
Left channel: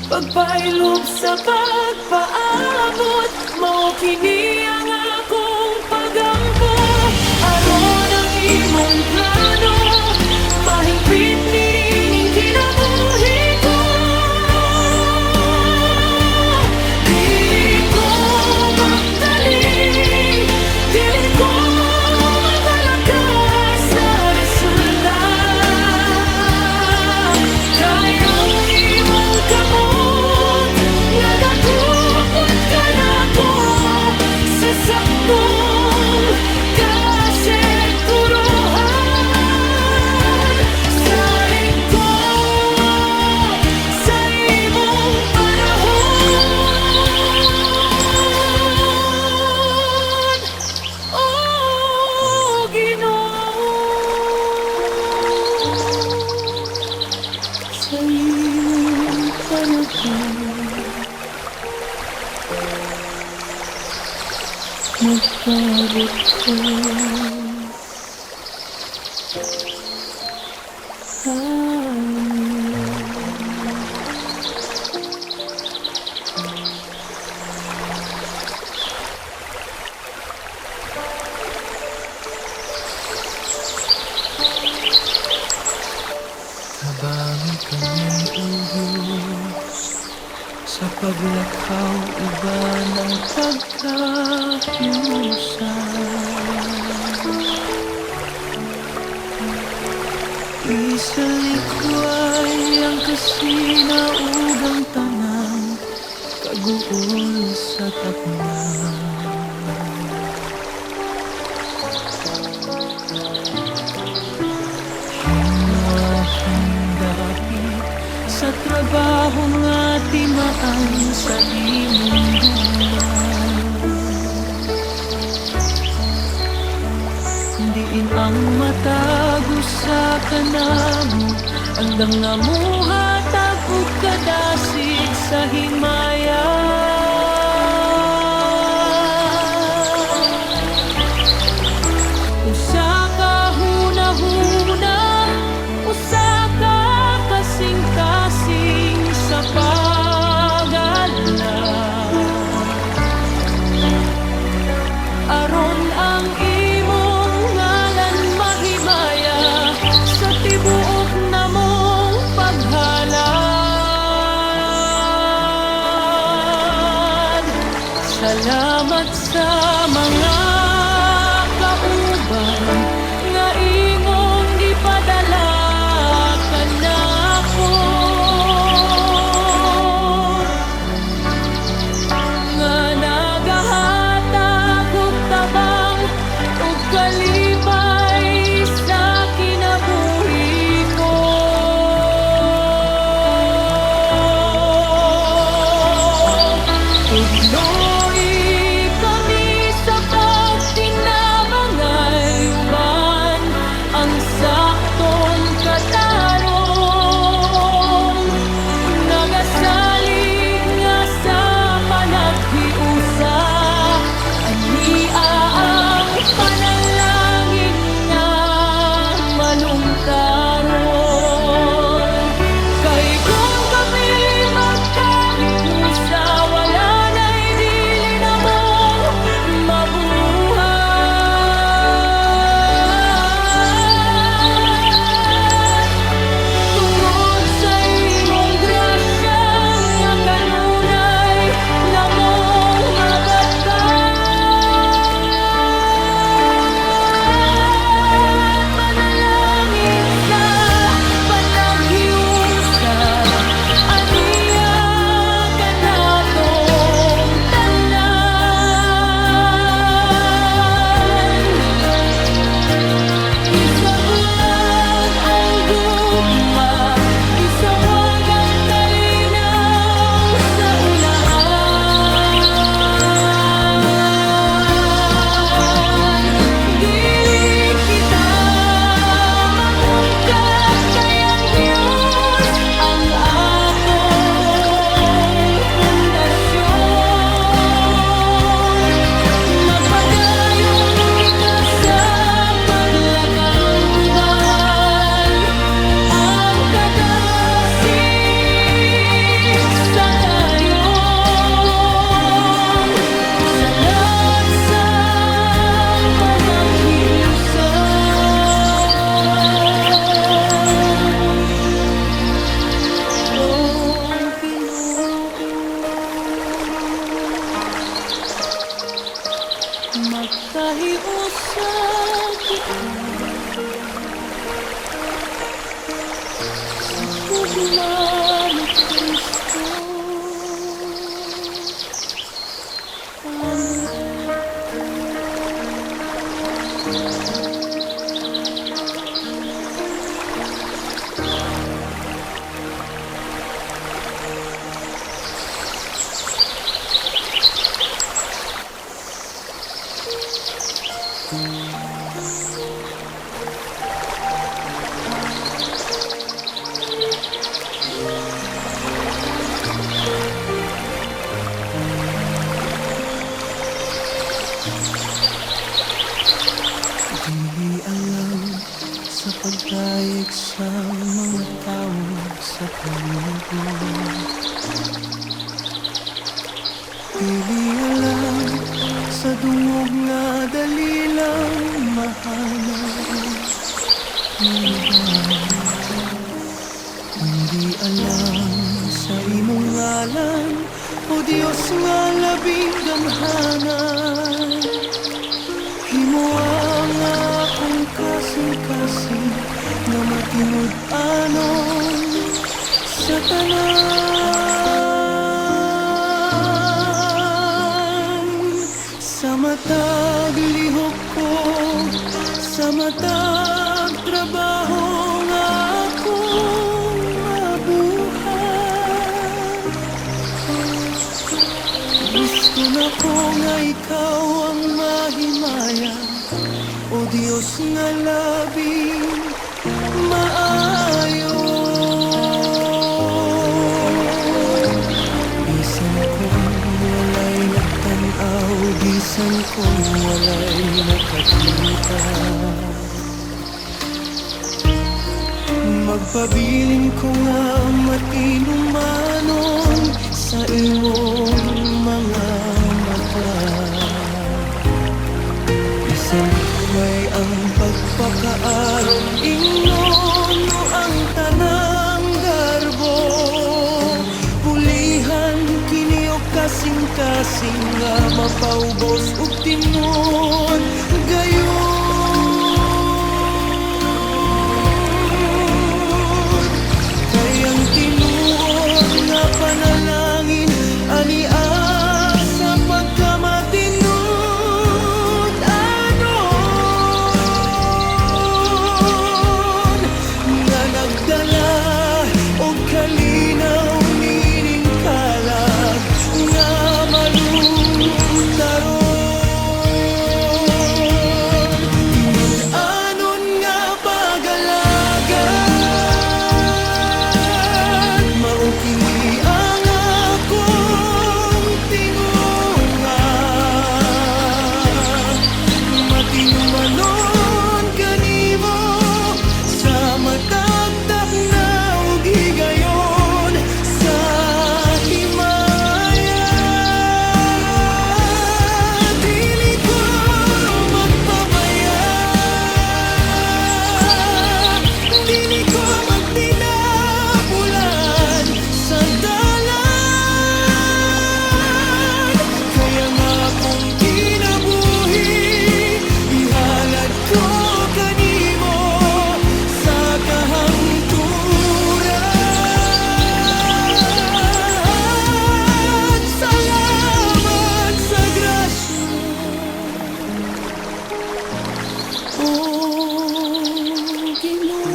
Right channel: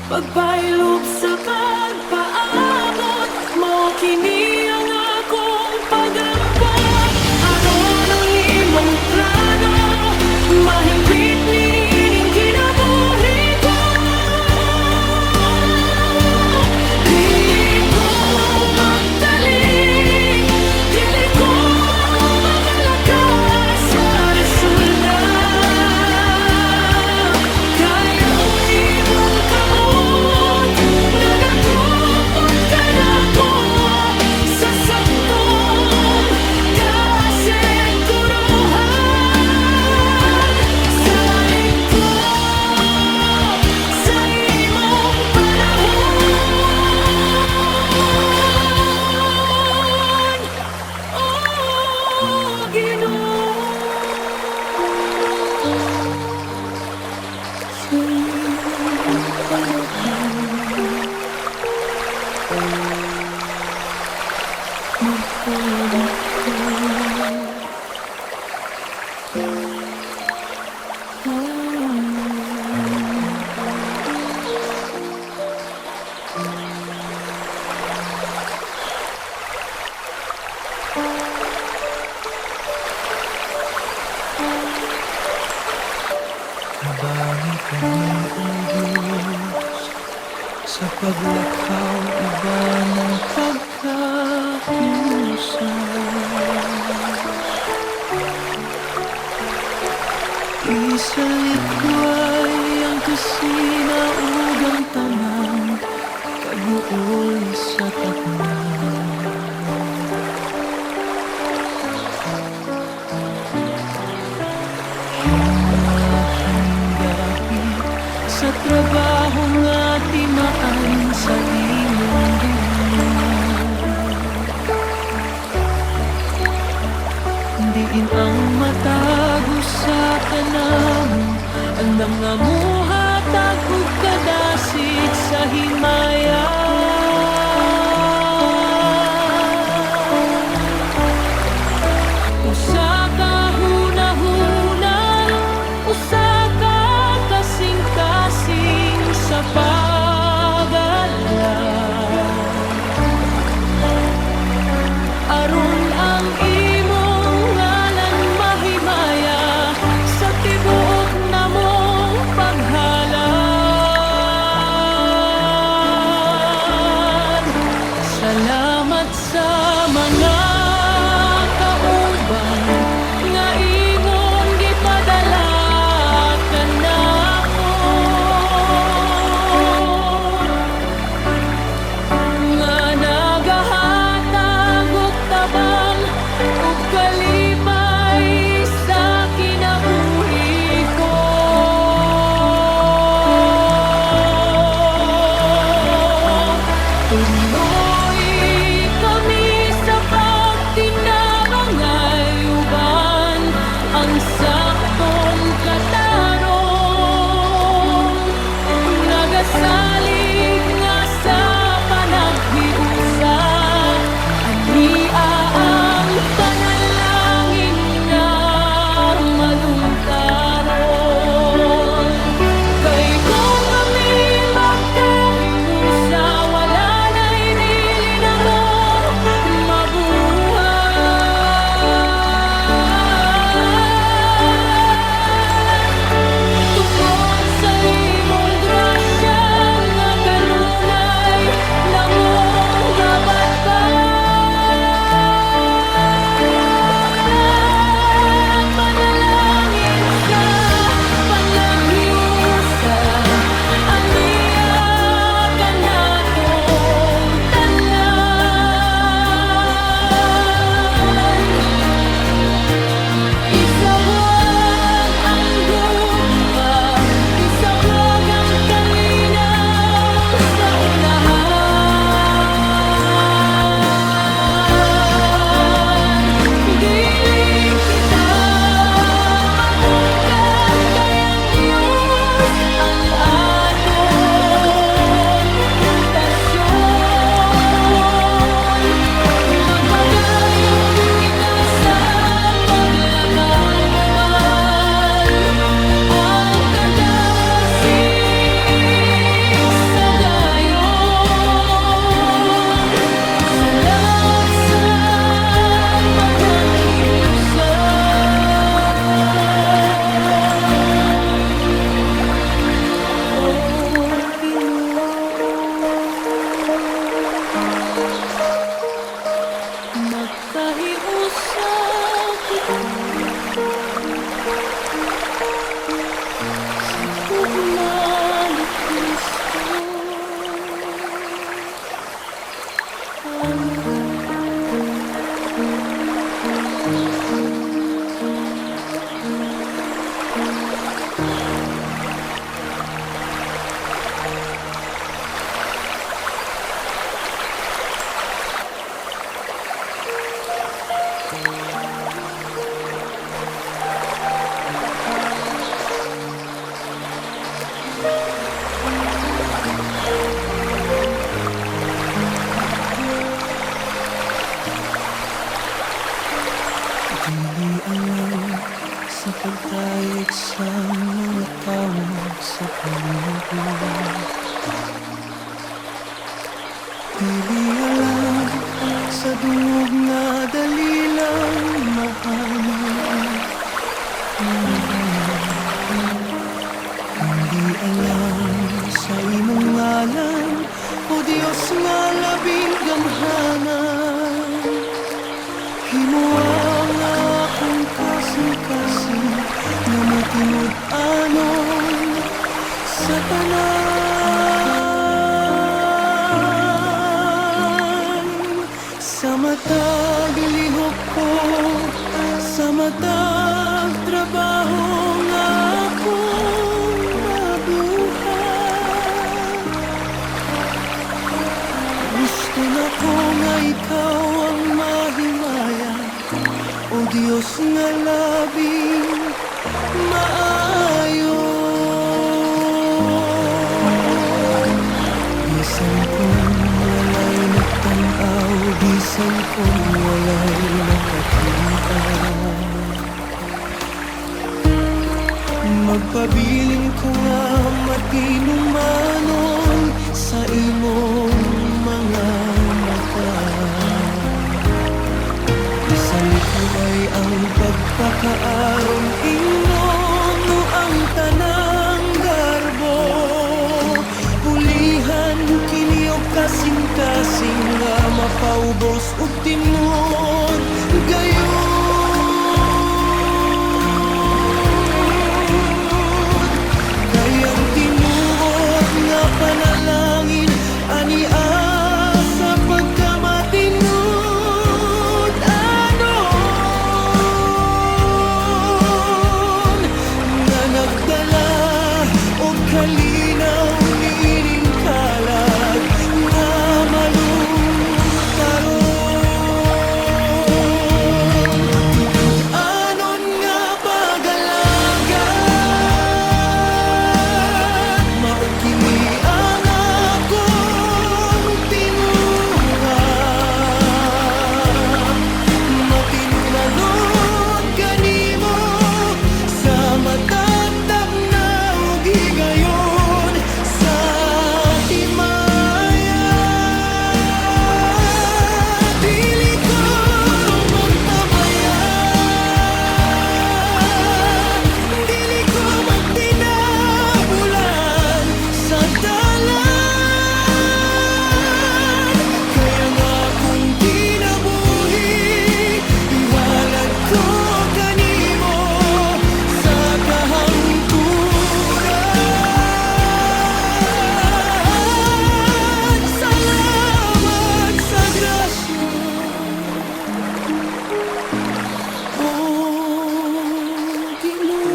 Pagpailob sa pagpaabot, mao kini ang akong pagampo. Aron ang imong plano, mahingpit nining kinabuhi ko. Dili ko magdali, dili ko magalakas sa resulta. Kayang imong kamot, nagakupot ka na ko sa saktong kasiguruhan. Sa likod, sa imong panahon, O Ginoo. Sa iyong panahon, magpabot ka. Tabangi kami, O Diyos, sa paglakaw iba ng pagkahiusan. Isalikway ang kasinaugang tanan, kaguol sa taknan. Hingapit sa trabaho nga timaan sa imong buwan. Diin ang matago sa kanamo, andam nga muhatag ug kadasig sa himaya. Usa ka hunahuna, usa ka kasing-kasing sa pag-alala. Aron ang imong ngalan mahimaya sa tibuok na mong paghalad. Salamat sa mga kauban nga imong gipadala kanako, nga nagahatag og tabang ug kalipay sa kinabuhi ko. ugma ni Kristo. Amen. Di alam sa pagdaig sa mga tao sa paligid. Di alam sa dungog na dali lang mahanap. Hindi alam sa imong ngalan, o Diyos nga labing gamhanan. Himuang akong kasing-kasing na matinud-anon sa tanan. Sa matag lihok ko, sa matag trabaho nga akong mabuhay. Gusto na ko nga ikaw ang mahimaya, o Diyos nga labing maayo. Bisan kung walay nagtanaw, bisan kung walay nakakita, magpabilin ko nga matinumanon sa imong mga mata. Isalikaway ang pagpakaaron ingon no ang tanang garbo. Pulihan kini og kasing-kasing nga mapaubos ug tinud gayud. Kayang tinuod nga panalangin ani sa pagkamatinud anon nga nagdala og kalinaw nining kalag nga malutaron. Tinud anon nga pagalagan, mao kini ang akong tinguha. Matinumanon kanimo sa matagdak na ug higayon sa himaya. Dili ko magpabaya, dili ko magdinabulan sa dalan. Kaya nga kung kinabuhi, ihalad ko kanimo sa kahangturan. Salamat sa grasya, o Ginoo.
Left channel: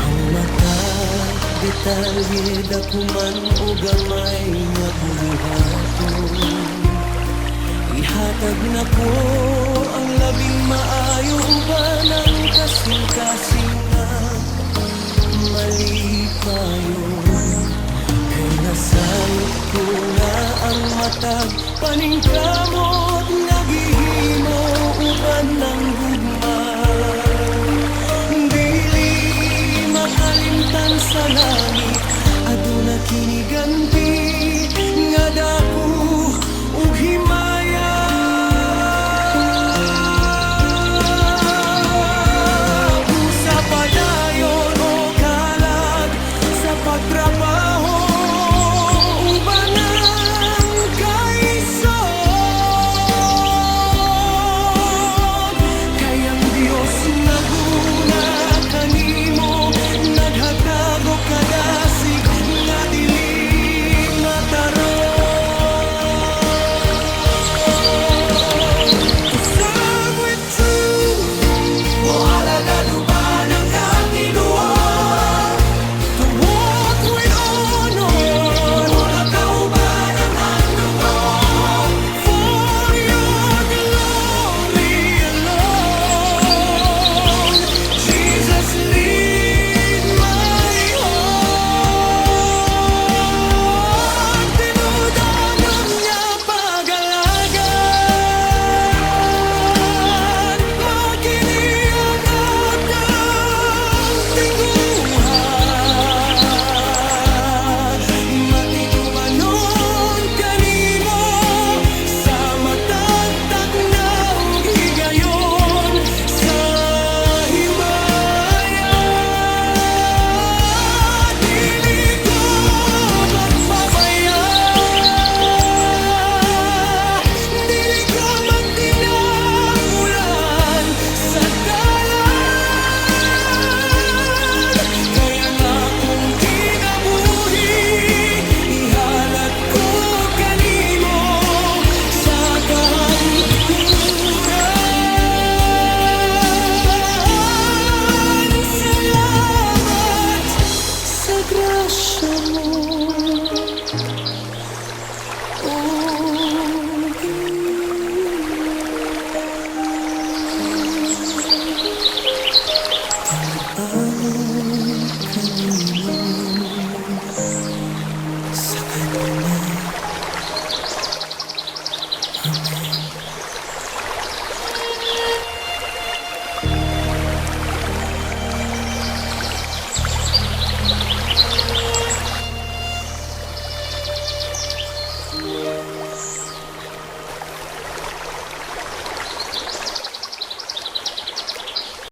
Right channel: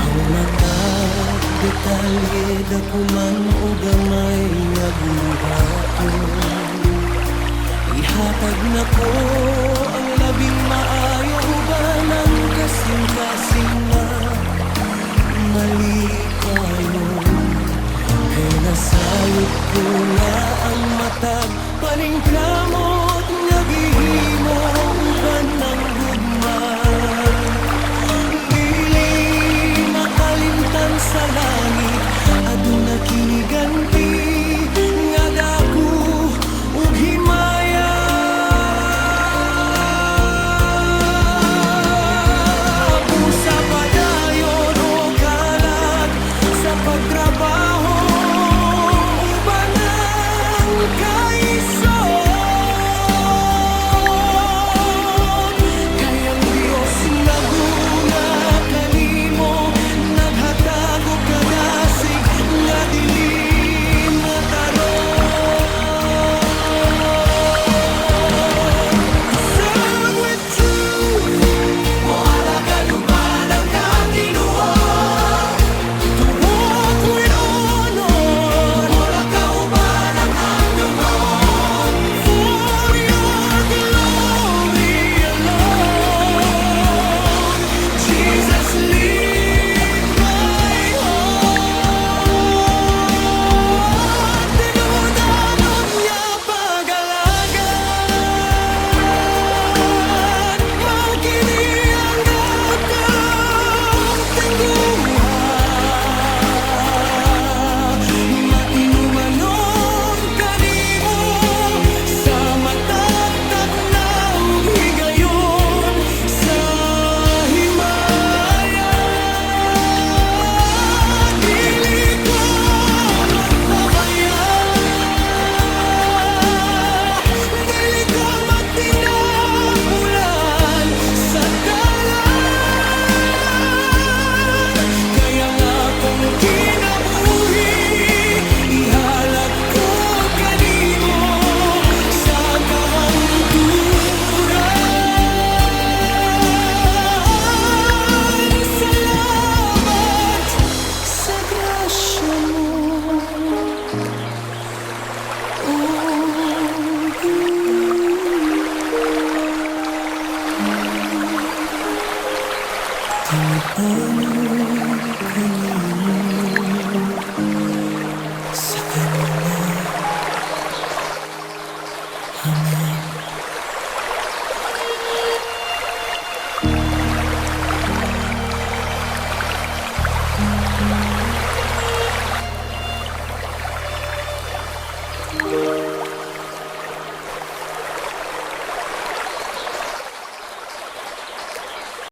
Ang matag detalye dakuman o gamay nga buluhaton. Ihatag na ko ang labing maayo uban ang kasing-kasing nga malipayon. Kay nasayot ko nga ang matag paningkamot nga gihimo uban ng gugma. Dili sa langit aduna kiniganti nga dako ug himaya. Busa padayon o kalag sa pagtrabaho uban ang kaisod kay ang Dios naguna kanimo naghatag og kadasig nga dili mataron. To serve with truth, moalaga luban ang katinuan. To walk with honor, wala kauban ang dugo. For your glory alone, Jesus lead my heart. Tinudanon niya pag-alagad, makini ang atang tingguha. Matinumanon kanimo sa matatag na ug higayon sa himaya. Dili ko magpabaya, dili ko magtinapulan sa dalan. Kaya nga kung kinabuhi ihalag ko kanimo sa kahangturan. Salamat sa grasya mo, O Panginoon, kanino sa kanila. Amen.